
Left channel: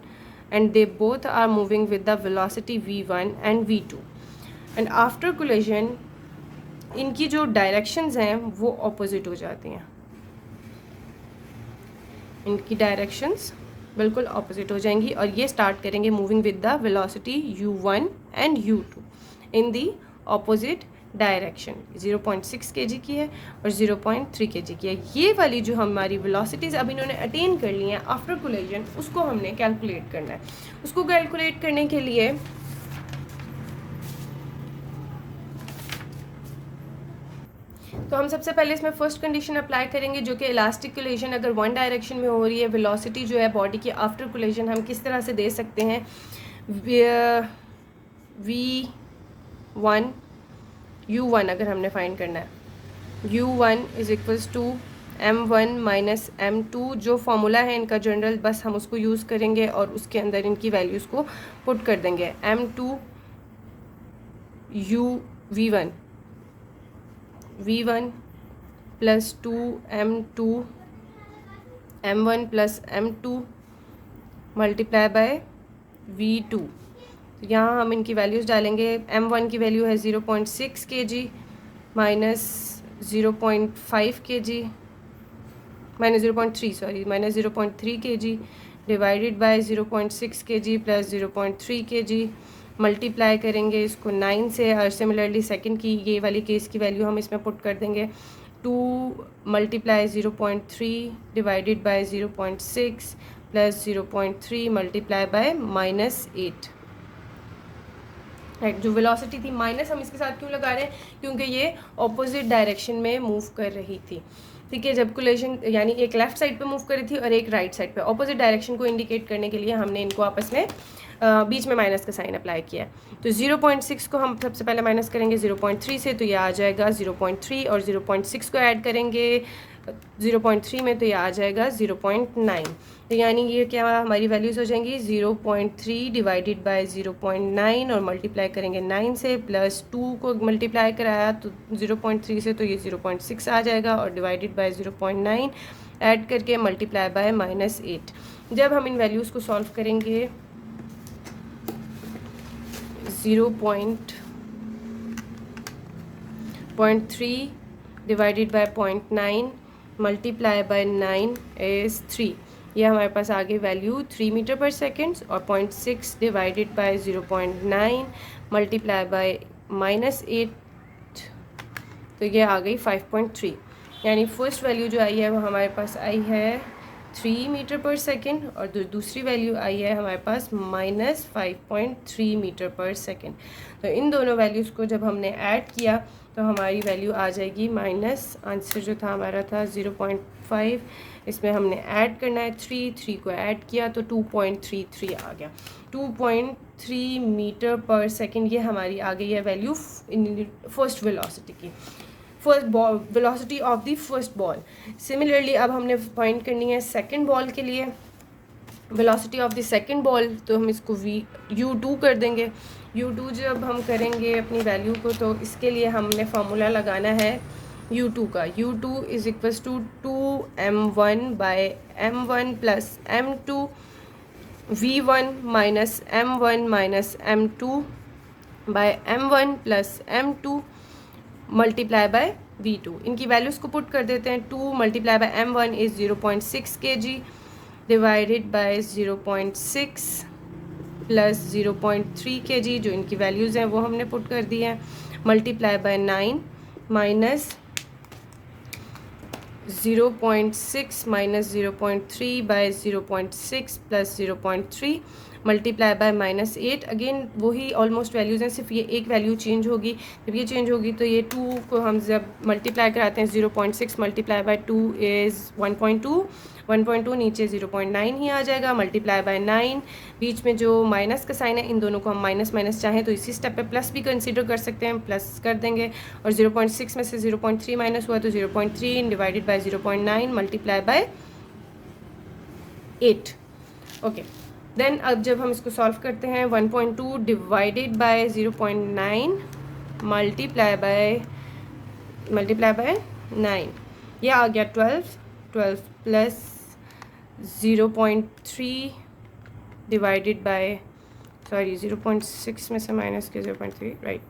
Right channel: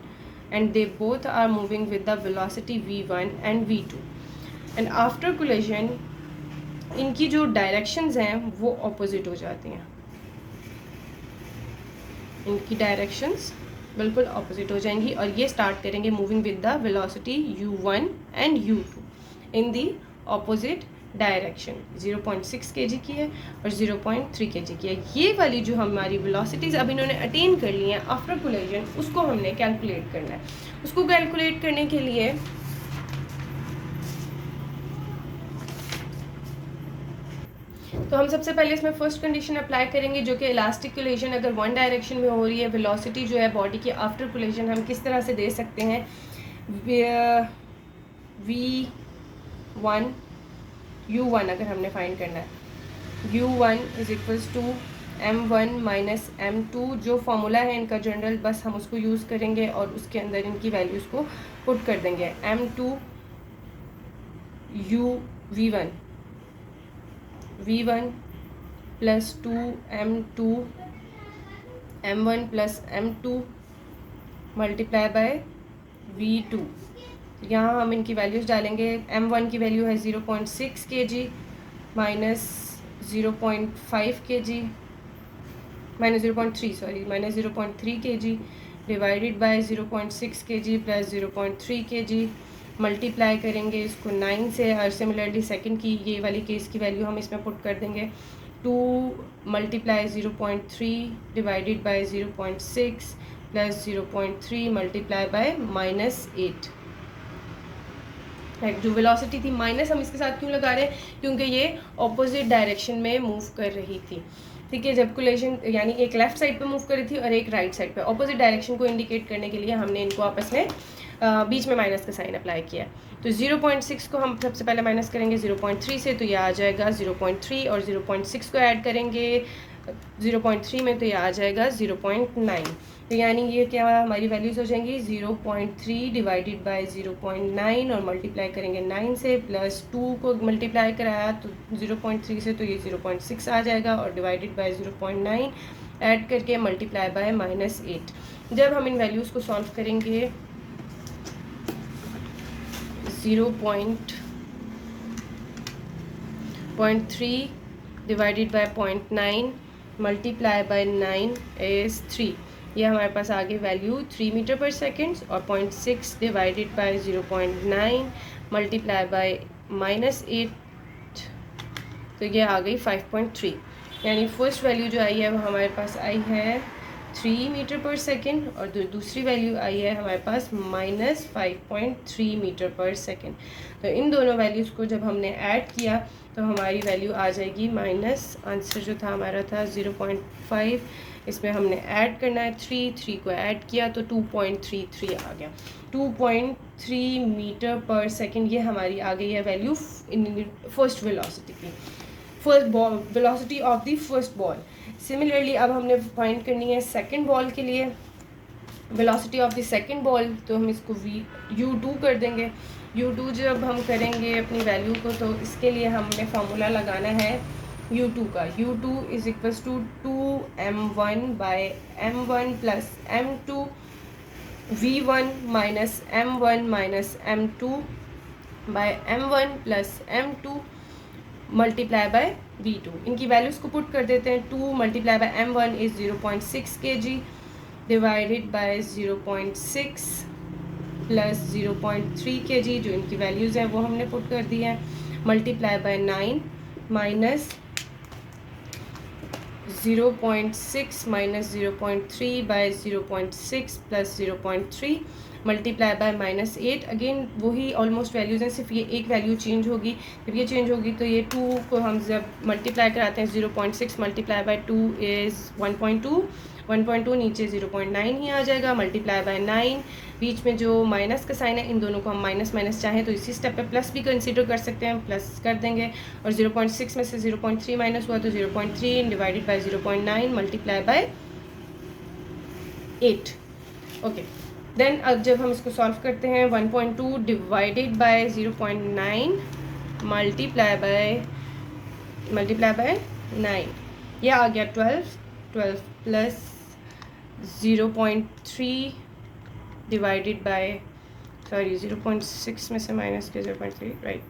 and they both are moving with the velocity v1 and v2, and after collision इनकी जो डायरेक्शंस हैं वो ऑपोजिट हो जाती हैं, इनकी डायरेक्शंस बिल्कुल ऑपोजिट हो जाएंगी और ये स्टार्ट करेंगे moving with the velocity u1 and u2 in the opposite direction. 0.6 kg की है और 0.3 kg की है। ये वाली जो हमारी वेलोसिटीज़ अब इन्होंने अटेन कर ली हैं आफ्टर कोलिजन, उसको हमने कैलकुलेट करना है। उसको कैलकुलेट करने के लिए तो हम सबसे पहले इसमें फर्स्ट कंडीशन अप्लाई करेंगे जो कि इलास्टिक कोलिजन अगर वन डायरेक्शन में हो रही है, वेलोसिटी जो है बॉडी की आफ्टर कोलिजन हम किस तरह से दे सकते हैं, v1 u1 अगर हमने फाइंड करना है, u1 is equals to m1 minus m2, जो फॉर्मूला है इनका जनरल, बस हम उसको यूज़ करेंगे और उसके अंदर इनकी वैल्यूज़ को पुट कर देंगे। m2 u v1 plus 2 m2 m1 plus m2 multiply by v2। यहाँ हम इनकी वैल्यूज़ डालेंगे। m1 की वैल्यू है 0.6 kg minus 0.5 kg minus 0.3 kg divided by 0.6 kg plus 0.3 kg, multiply करेंगे इसको 9 से, और सिमिलरली सेकंड की ये वाली केस की वैल्यू हम इसमें पुट कर देंगे 2 multiply 0.3 divided by 0.6 plus 0.3 multiply by -8। जो वेलोसिटी थी माइनस हम इसके साथ क्यों लगा रहे हैं, क्योंकि ये ऑपोजिट डायरेक्शन में मूव कर रही थी। ठीक है, जब कोलिजन यानी एक लेफ्ट साइड पे मूव कर रही थी और एक राइट साइड पे, ऑपोजिट डायरेक्शन को इंडिकेट करने के लिए हमने इनको आपस में बीच में माइनस का साइन अप्लाई किया। तो 0.6 को हम सबसे पहले माइनस करेंगे 0.3 से, तो ये आ जाएगा 0.3, और 0.6 को ऐड करेंगे 0.3 में, तो ये आ जाएगा 0.9। तो यानी ये क्या हमारी वैल्यूज़ हो जाएंगी 0.3 डिवाइडेड बाय 0.9 और मल्टीप्लाई करेंगे 9 से, प्लस 2 को मल्टीप्लाई कराया तो 0.3 से, तो ये 0.6 आ जाएगा, और डिवाइडेड बाय 0.9 ऐड करके मल्टीप्लाई बाय -8। जब हम इन वैल्यूज़ को सॉल्व करेंगे 0.3 divided by 0.9 multiply by 9 is 3, ये हमारे पास आ गई वैल्यू 3 मीटर पर सेकेंड, और 0.6 डिवाइडेड बाय 0.9 मल्टीप्लाई बाय -8, तो ये आ गई 5.3। यानी फर्स्ट वैल्यू जो आई है वो हमारे पास आई है 3 मीटर पर सेकेंड, और दूसरी वैल्यू आई है हमारे पास -5.3 मीटर पर सेकेंड। तो इन दोनों वैल्यूज़ को जब हमने ऐड किया तो हमारी वैल्यू आ जाएगी आंसर जो था हमारा था 0.5, इसमें हमने ऐड करना है 3 को ऐड किया तो 2.33 आ गया। 2.3 मीटर पर सेकेंड ये हमारी आ गई है वैल्यू इन फर्स्ट वेलोसिटी की, first ball velocity of the first ball. Similarly अब हमने फाइंड करनी है सेकंड बॉल के लिए velocity of the second ball, तो हम इसको u2 कर देंगे। u2 जब हम करेंगे अपनी वैल्यू को, तो इसके लिए हमने फार्मूला लगाना है u2 का। u2 is equals to 2m1 by m1 plus m2 v1 minus m1 minus m2 by m1 plus m2 multiply by v2। इनकी वैल्यूज़ को पुट कर देते हैं। 2 multiply by m1 is 0.6 kg divided by 0.6 plus 0.3 kg, जो इनकी values हैं वो हमने पुट कर दी है, multiply by 9 minus 0.6 minus 0.3 by 0.6 plus 0.3 multiply by -8। Again वही ऑलमोस्ट वैल्यूज़ हैं, सिर्फ ये एक वैल्यू चेंज होगी। जब ये चेंज होगी तो ये 2 को हम जब मल्टीप्लाई कराते हैं 0.6 मल्टीप्लाई बाय 2 इज़ 1.2 नीचे 0.9 ही आ जाएगा, मल्टीप्लाई बाय 9, बीच में जो माइनस का साइन है इन दोनों को हम माइनस माइनस चाहें तो इसी स्टेप पे प्लस भी कंसीडर कर सकते हैं, प्लस कर देंगे, और 0.6 में से 0.3 माइनस हुआ तो 0.3 divided by 0.9 multiply by 8। Okay, then अब जब हम इसको सॉल्व करते हैं 1.2 डिवाइडेड बाय 0.9 मल्टीप्लाई बाय 9, ये आ गया 12 प्लस 0.3 डिवाइडेड बाय 0.6 में से माइनस के 0.3 राइट,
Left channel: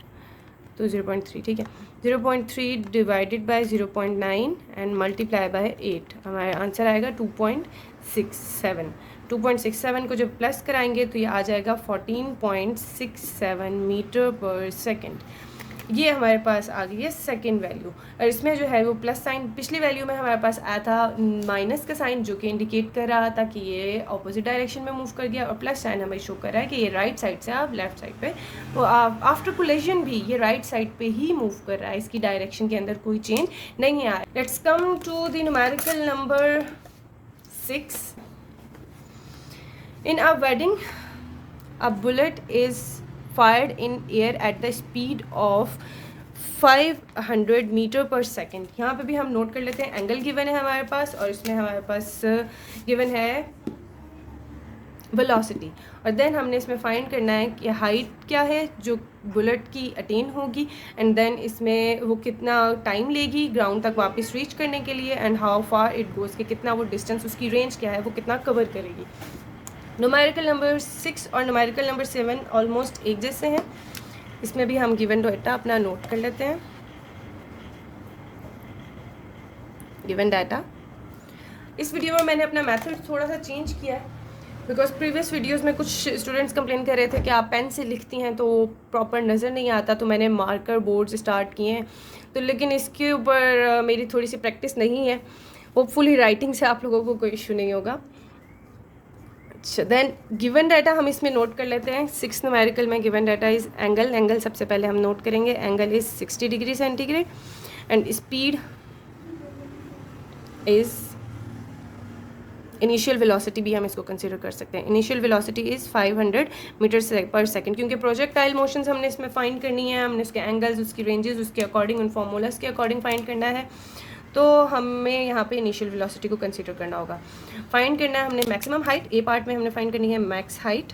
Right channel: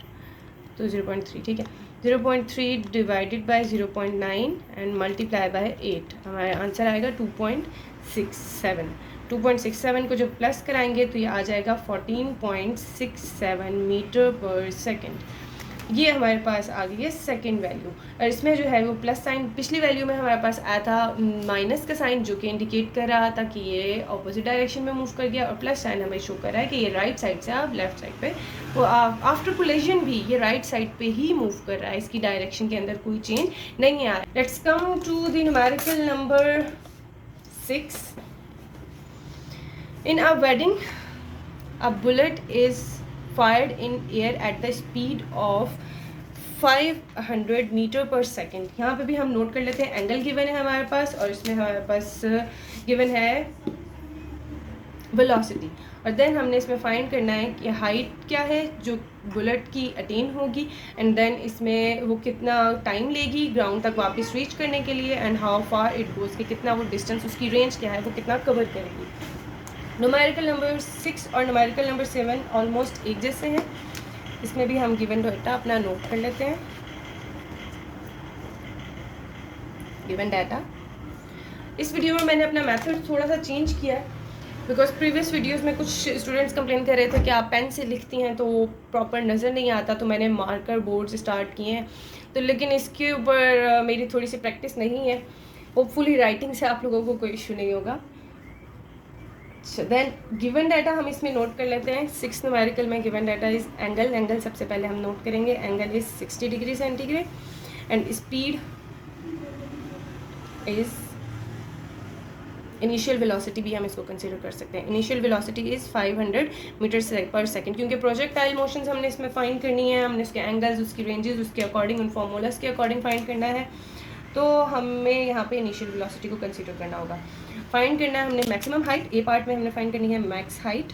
तो 0.3 ठीक है, 0.3 divided by 0.9 and multiply by 8, हमारा आंसर आएगा 2.67। 2.67 को जब प्लस कराएंगे तो ये आ जाएगा 14.67 मीटर पर सेकेंड। ये हमारे पास आ गई है सेकेंड वैल्यू। और इसमें जो है वो प्लस साइन, पिछली वैल्यू में हमारे पास आया था माइनस का साइन जो कि इंडिकेट कर रहा था कि ये ऑपोजिट डायरेक्शन में मूव कर गया, और प्लस साइन हमें शो कर रहा है कि ये राइट साइड से आप लेफ्ट साइड पे, तो आफ्टर कोलिजन भी ये राइट साइड पे ही मूव कर रहा है, इसकी डायरेक्शन के अंदर कोई चेंज नहीं आ रहा। Let's come to the numerical number 6। In a wedding a bullet is fired in air at the speed of 500 metre per second. यहाँ पे भी हम नोट कर लेते हैं, एंगल गिवन है हमारे पास और इसमें हमारे पास गिवन है वेलोसिटी, और देन हमने इसमें फाइंड करना है कि हाइट क्या है जो बुलेट की अटेन होगी, एंड देन इसमें वो कितना टाइम लेगी ग्राउंड तक वापस रीच करने के लिए, and how far it goes, कि कितना वो डिस्टेंस, उसकी रेंज क्या है, वो कितना कवर करेगी। न्यूमेरिकल नंबर 6 और न्यूमेरिकल नंबर 7 ऑलमोस्ट एक जैसे हैं। इसमें भी हम गिवन डाटा अपना नोट कर लेते हैं। गिवन डाटा, इस वीडियो में मैंने अपना मेथड थोड़ा सा चेंज किया बिकॉज प्रीवियस वीडियोस में कुछ स्टूडेंट्स कंप्लेन कर रहे थे कि आप पेन से लिखती हैं तो प्रॉपर नज़र नहीं आता, तो मैंने मार्कर बोर्ड से स्टार्ट किए हैं, तो लेकिन इसके ऊपर मेरी थोड़ी सी प्रैक्टिस नहीं है। होपफुली राइटिंग से आप लोगों को कोई इशू नहीं होगा। अच्छा, देन गिवन डाटा हम इसमें नोट कर लेते हैं। 6 न्यूमेरिकल में given data is angle. Angle सबसे पहले हम नोट करेंगे, angle is 60 degree centigrade and speed is, initial velocity भी हम इसको कंसीडर कर सकते हैं। इनिशियल वेलोसिटी इज़ 500 मीटर पर सेकंड, क्योंकि प्रोजेक्टाइल मोशंस हमने इसमें फाइंड करनी है, हमने उसके एंगल्स, उसकी रेंजेस उसके अकॉर्डिंग, इन फॉर्मूलाज के अकॉर्डिंग फाइंड करना है, तो हमें यहाँ पे इनिशियल वेलोसिटी को कंसीडर करना होगा। फाइंड करना है हमने मैक्सिमम हाइट, ए पार्ट में हमने फाइंड करनी है max height,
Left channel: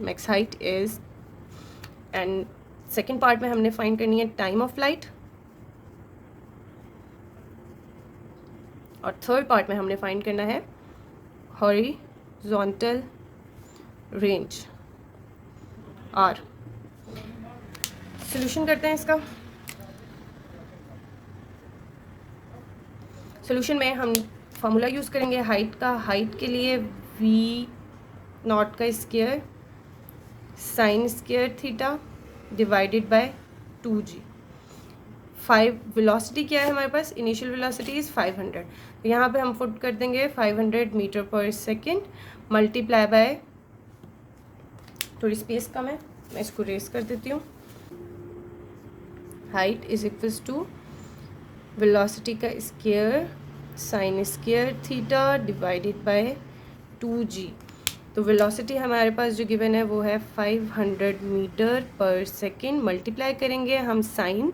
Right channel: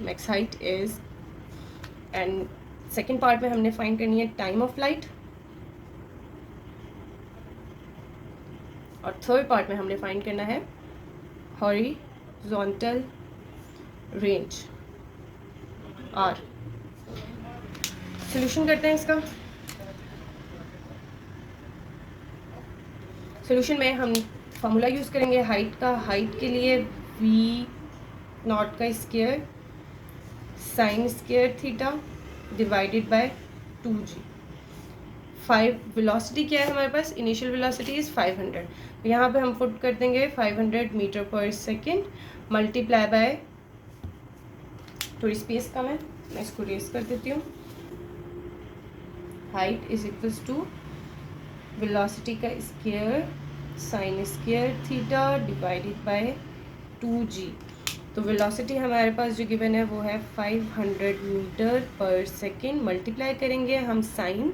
max height is, and second part में हमने फाइंड करनी है टाइम ऑफ फ्लाइट, और थर्ड पार्ट में हमने फाइंड करना है हॉरिजॉन्टल रेंज आर। सॉल्यूशन करते हैं इसका। सॉल्यूशन में हम फार्मूला यूज़ करेंगे हाइट का। हाइट के लिए वी नॉट का square sine square theta divided by 2g। 5 velocity क्या है हमारे पास, इनिशियल वेलोसिटी इज़ 500, तो यहाँ पे हम पुट कर देंगे 500 metre per second multiply by, थोड़ी स्पेस कम है मैं इसको रेस कर देती हूँ, height is equals to velocity का square sine square theta divided by 2g। तो वेलोसिटी हमारे पास जो गिवन है वो है 500 मीटर पर सेकेंड, मल्टीप्लाई करेंगे हम साइन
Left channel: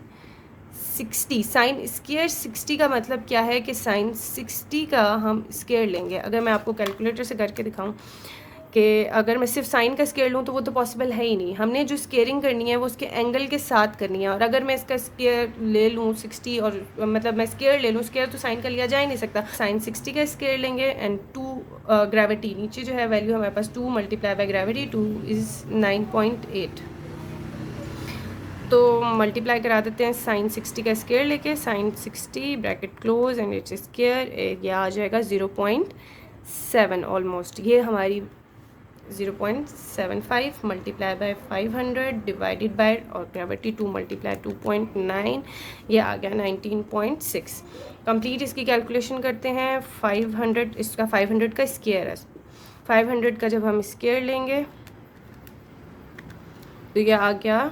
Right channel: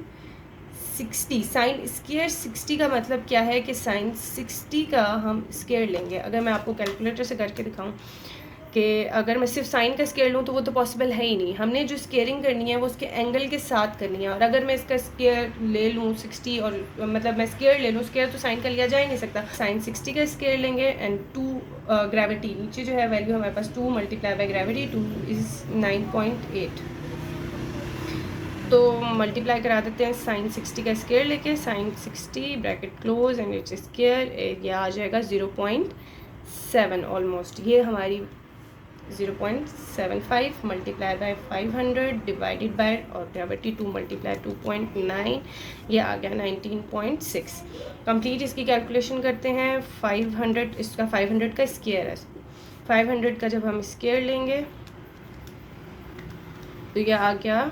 60, साइन स्क्वायर 60 का मतलब क्या है कि साइन 60 का हम स्क्वायर लेंगे। अगर मैं आपको कैलकुलेटर से करके दिखाऊं कि अगर मैं सिर्फ साइन का स्क्वायर लूँ तो वो तो पॉसिबल है ही नहीं, हमने जो स्क्वायरिंग करनी है वो उसके एंगल के साथ करनी है, और अगर मैं इसका स्क्वायर ले लूँ 60 और मतलब मैं स्क्वायर ले लूँ, स्क्वायर तो साइन का लिया जा ही नहीं सकता, साइन 60 का स्क्वायर लेंगे एंड 2 ग्रेविटी नीचे जो है वैल्यू हमारे पास 2 मल्टीप्लाई बाय ग्रेविटी 2 इज़ 9.8, तो मल्टीप्लाई करा देते हैं साइन 60 का स्क्वायर लेके, sine 60 bracket close and its square, ये आ जाएगा 0.7 ऑलमोस्ट, ये हमारी 0.75 मल्टीप्लाई बाय 500 डिवाइडेड बाय और ग्रेविटी 2 मल्टीप्लाई 2.9, ये आ गया 19.6। कंप्लीट इसकी कैलकुलेशन करते हैं। 500 इसका 500 का स्क्वायर है, 500 का जब हम स्क्वायर लेंगे तो ये आ गया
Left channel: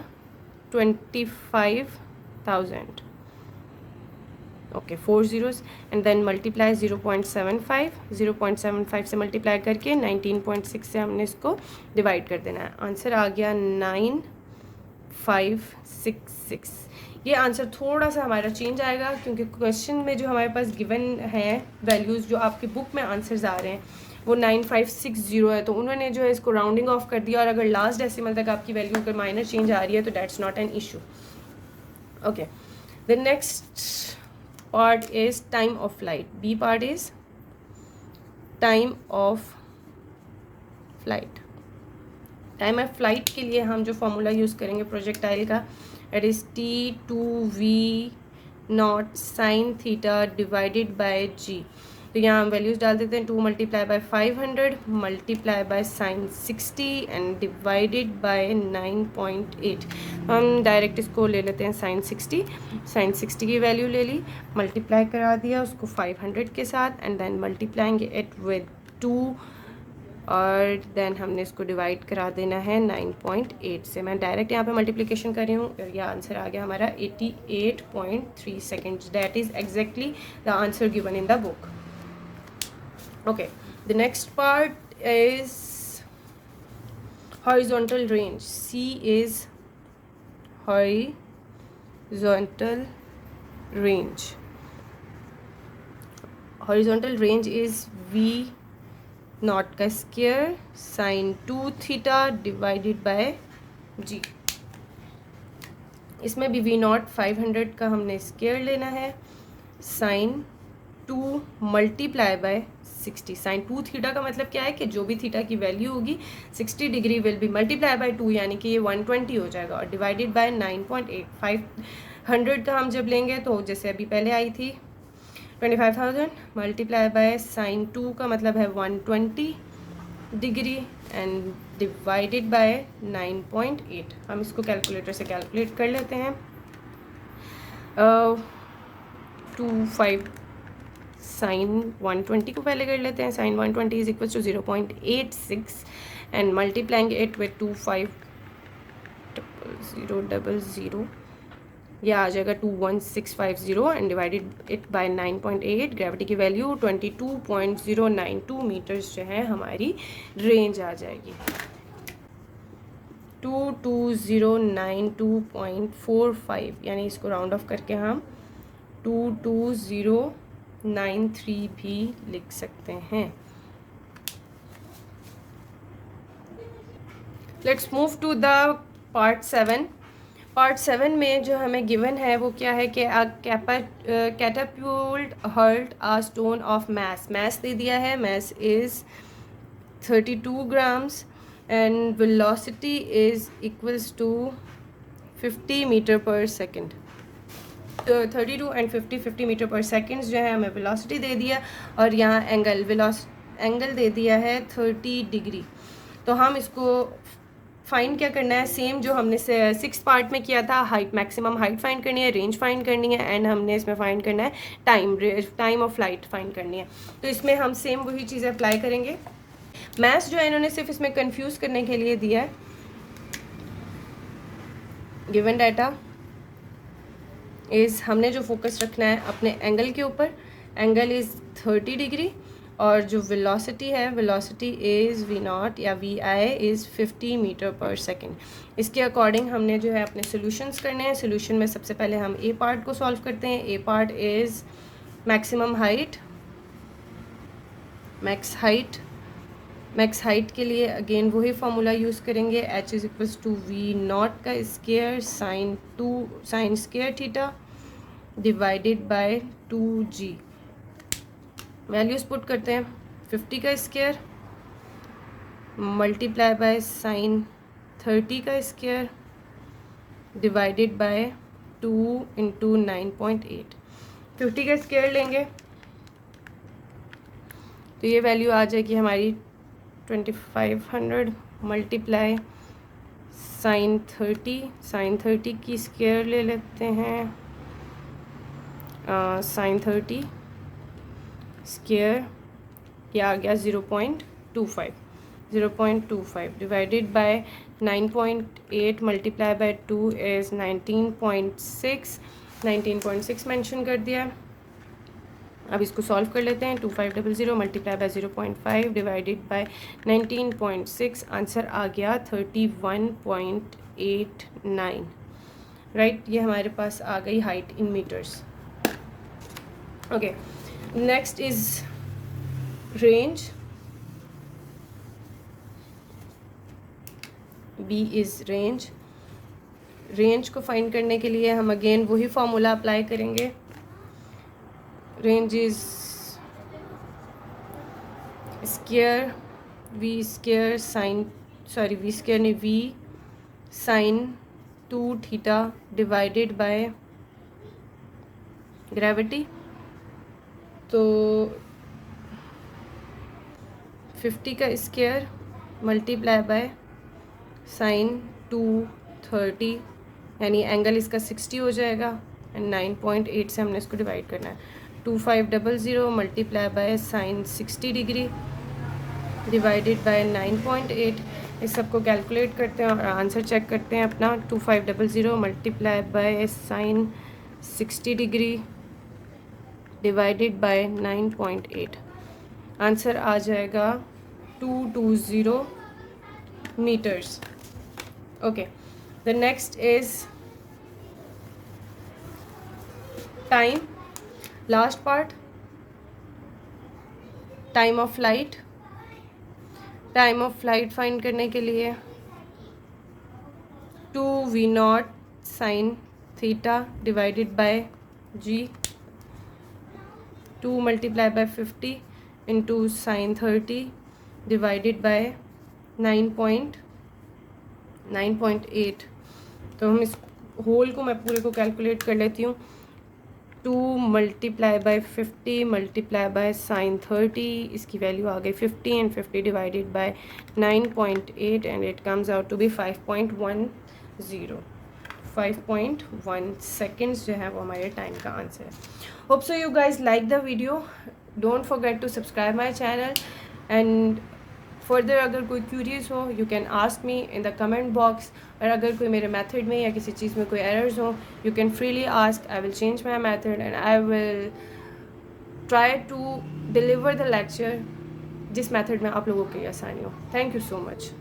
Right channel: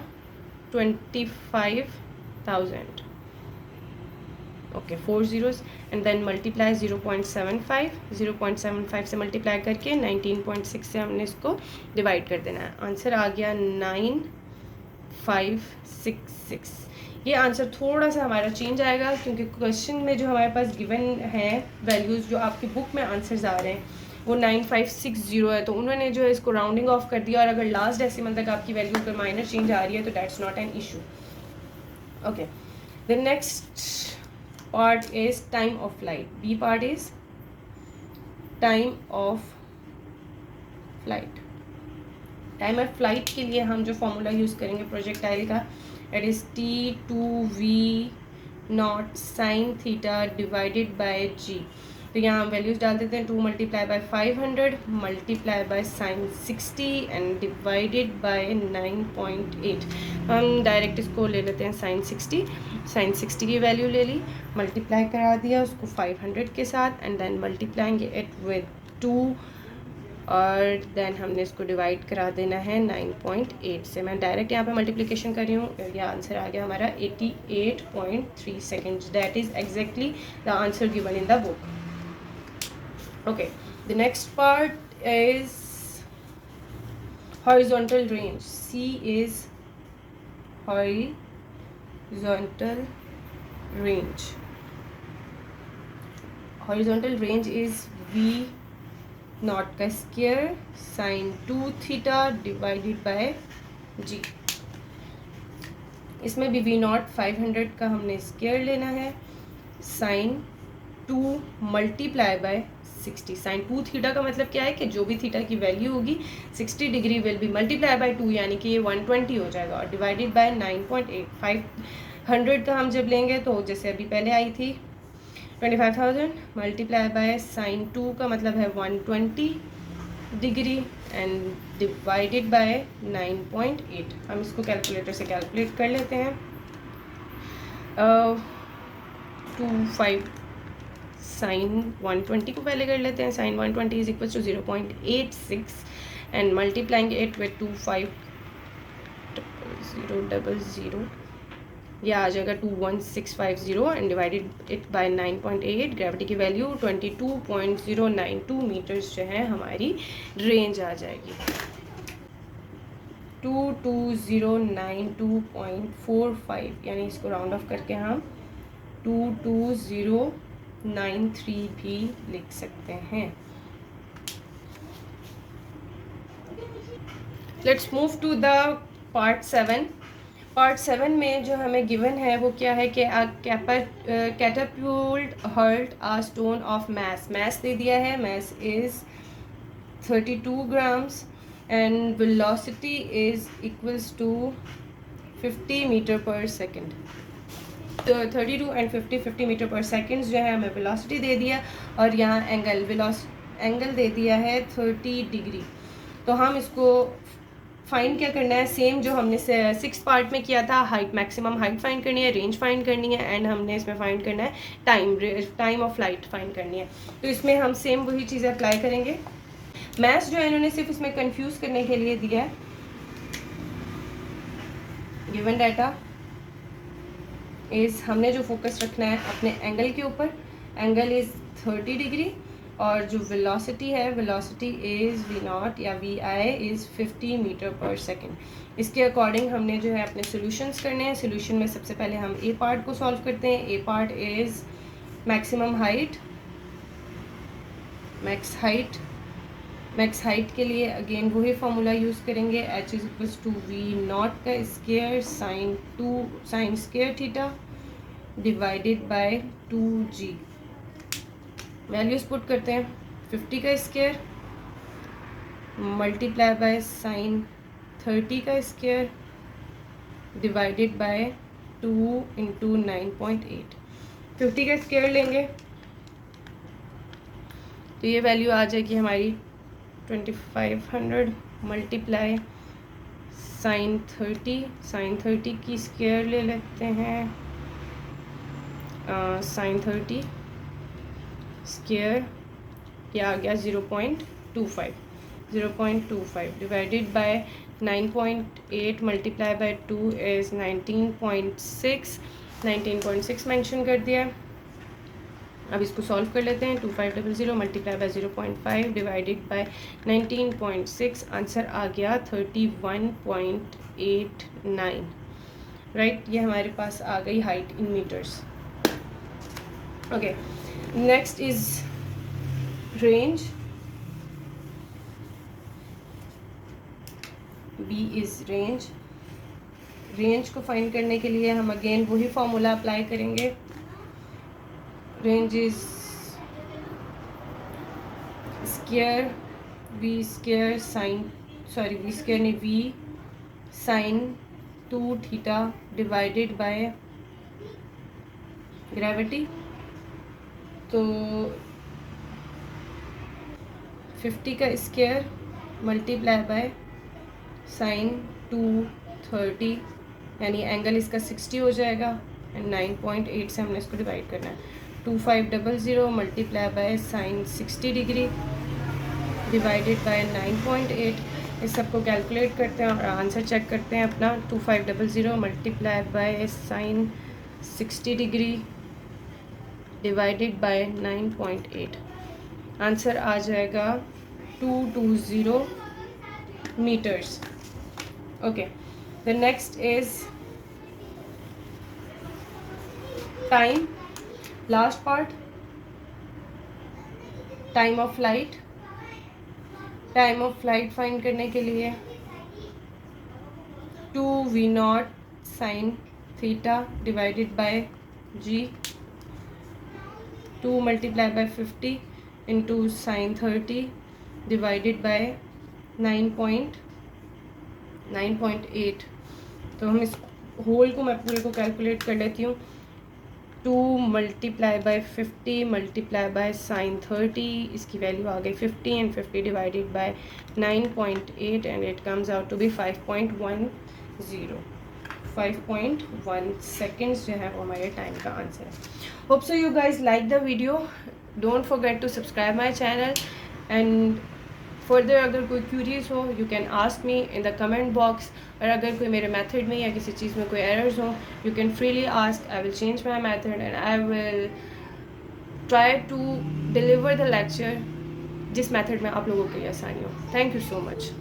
25,000, okay 4 zeros and then multiply 0.75 से मल्टीप्लाई करके 19.6 से हमने इसको डिवाइड कर देना है, आंसर आ गया 9566। ये आंसर थोड़ा सा हमारा चेंज आएगा क्योंकि क्वेश्चन में जो हमारे पास गिवन है वैल्यूज़ जो आपके बुक में आंसर्स आ रहे हैं वो 9560 है, तो उन्होंने जो है इसको राउंडिंग ऑफ कर दिया, और अगर लास्ट डेसिमल तक आपकी वैल्यू कोई माइनर चेंज आ रही है तो that's not an issue. Okay, the next part is time of flight. B part is time of flight. Time of flight के लिए हम जो फॉर्मूला यूज़ करेंगे प्रोजेक्टाइल का, it is T2V0 sine theta divided by g. तो यहाँ हम वैल्यूज़ डाल देते हैं. 2 multiply by 500 multiply by sine 60 and divided bye 9.8. हम डायरेक्ट इसको ले लेते हैं साइन 60. साइन 60 की वैल्यू ले ली, मल्टीप्लाई करा दिया उसको 500 के साथ, and then multiplying it with 2 और देन हमने इसको डिवाइड करा देना है 9.8 से. मैं डायरेक्ट यहाँ पे मल्टीप्लिकेशन कर रही हूँ. यह आंसर आ गया हमारा 88.3 seconds. That is exactly the answer given in the book. Okay, the next part is horizontal range. C is horizontal range. Horizontal range is V not का square sine 2 theta divided by g. इसमें भी V not 500 का हमने square लेना है. Sine 2 multiply by 60. Sine 2 theta का मतलब क्या है कि जो भी थीटा की वैल्यू होगी 60 degree will be multiply by 2, यानी कि ये 120 हो जाएगा, और डिवाइडेड बाय 9.8. 500 का हम जब लेंगे तो जैसे अभी पहले आई थी 25,000 मल्टीप्लाई बाय साइन 2 का मतलब है 120 डिग्री एंड डिवाइडेड बाय 9.8. हम इसको कैलकुलेटर से कैलकुलेट कर लेते हैं. 25 साइन 120 को पहले कर लेते हैं. Sine 120 is equal to 0.86 and multiplying it with 250000. यह आ जाएगा 21650 and divided it by 9.8. Gravity की वैल्यू 22.092 मीटर्स जो है हमारी रेंज आ जाएगी. 22092.45, यानी इसको राउंड ऑफ करके हम 22093 भी लिख सकते हैं. Let's move to the part 7. Part 7 में जो हमें गिवन है वो क्या है कि catapult hurled a stone of mass. Mass दे दिया है, mass is 32 grams and velocity is equals to 50 metre per second. 32 and 50 metre per second जो है हमें वेलोसिटी दे दिया, और यहाँ एंगल दे दिया है 30 डिग्री. तो हम इसको फाइंड क्या करना है, सेम जो हमने 6 पार्ट में किया था. हाइट, मैक्सिमम हाइट फाइंड करनी है, रेंज फाइंड करनी है, एंड हमने इसमें फाइंड करना है टाइम ऑफ फ्लाइट फाइंड करनी है. तो इसमें हम सेम वही चीज़ें अप्लाई करेंगे. मैथ्स जो है इन्होंने सिर्फ इसमें कंफ्यूज करने के लिए दिया है. गिवन डाटा इज़, हमने जो फोकस रखना है अपने एंगल के ऊपर. एंगल इज़ 30 डिग्री और जो वेलोसिटी है, वेलोसिटी इज़ V नॉट या VI is 50 metre per second. इसके अकॉर्डिंग हमने जो है अपने सॉल्यूशंस करने हैं. सॉल्यूशन में सबसे पहले हम ए पार्ट को सॉल्व करते हैं. A part is maximum height. Max height के लिए अगेन वही फार्मूला यूज़ करेंगे. H is equals to V not का square sine square theta divided by 2G. Values put करते हैं. 50 का स्क्वायर मल्टीप्लाई बाय साइन 30 का स्क्वायर डिवाइडेड बाय 2 इंटू 9.8. 50 का स्क्वायर लेंगे तो ये वैल्यू आ जाएगी हमारी 2500 मल्टीप्लाई साइन 30 की स्क्वायर ले लेते हैं. साइन 30 स्क्वायर क्या आ गया 0.25 divided bye 9.8 multiply by 2 is 19.6 mention कर दिया. अब इसको सॉल्व कर लेते हैं. 2500 multiply by 0.5 divided by 19.6. Answer आ गया 31.89. राइट, ये हमारे पास आ गई height in metres. Okay, next is range. B is range. Range को फाइंड करने के लिए हम अगेन वही फॉर्मूला अप्लाई करेंगे. range is square v square sine, sorry v square नहीं v sine 2 theta divided by gravity. तो 50 का स्क्वायर मल्टीप्लाई बाय साइन 230, यानी एंगल इसका 60 हो जाएगा एंड 9.8 से हमने इसको डिवाइड करना है. 2500 multiply by sine 60 degree divided bye 9.8. इस सबको कैलकुलेट करते हैं और आंसर चेक करते हैं अपना. 2500 multiply by sine 60 degree divided bye 9.8. Answer आ जाएगा 220 meters. Okay, the next is time. Last part, time of flight. Time of flight find करने के लिए 2v0 sign theta divided bye g, 2 multiply by 50 into sine 30 divided by 9.8. तो हम इस whole को मैं पूरे को कैलकुलेट कर लेती हूँ. 2 multiply by 50 multiply by sine 30, इसकी वैल्यू आ गई 50 एंड 50 डिवाइडेड bye 9.8 and it comes out to be 5.1 seconds जो है वो हमारे टाइम का आंसर है. Hope so you guys like the video. Don't forget to subscribe my channel and further अगर कोई क्यूरीज हो you can ask me in the comment box. और अगर कोई मेरे मेथड में या किसी चीज़ में कोई एरर्स हो you can freely ask. I will change my method and I will try to deliver the lecture जिस मेथड में आप लोगों के लिए आसानी हो. Thank you so much.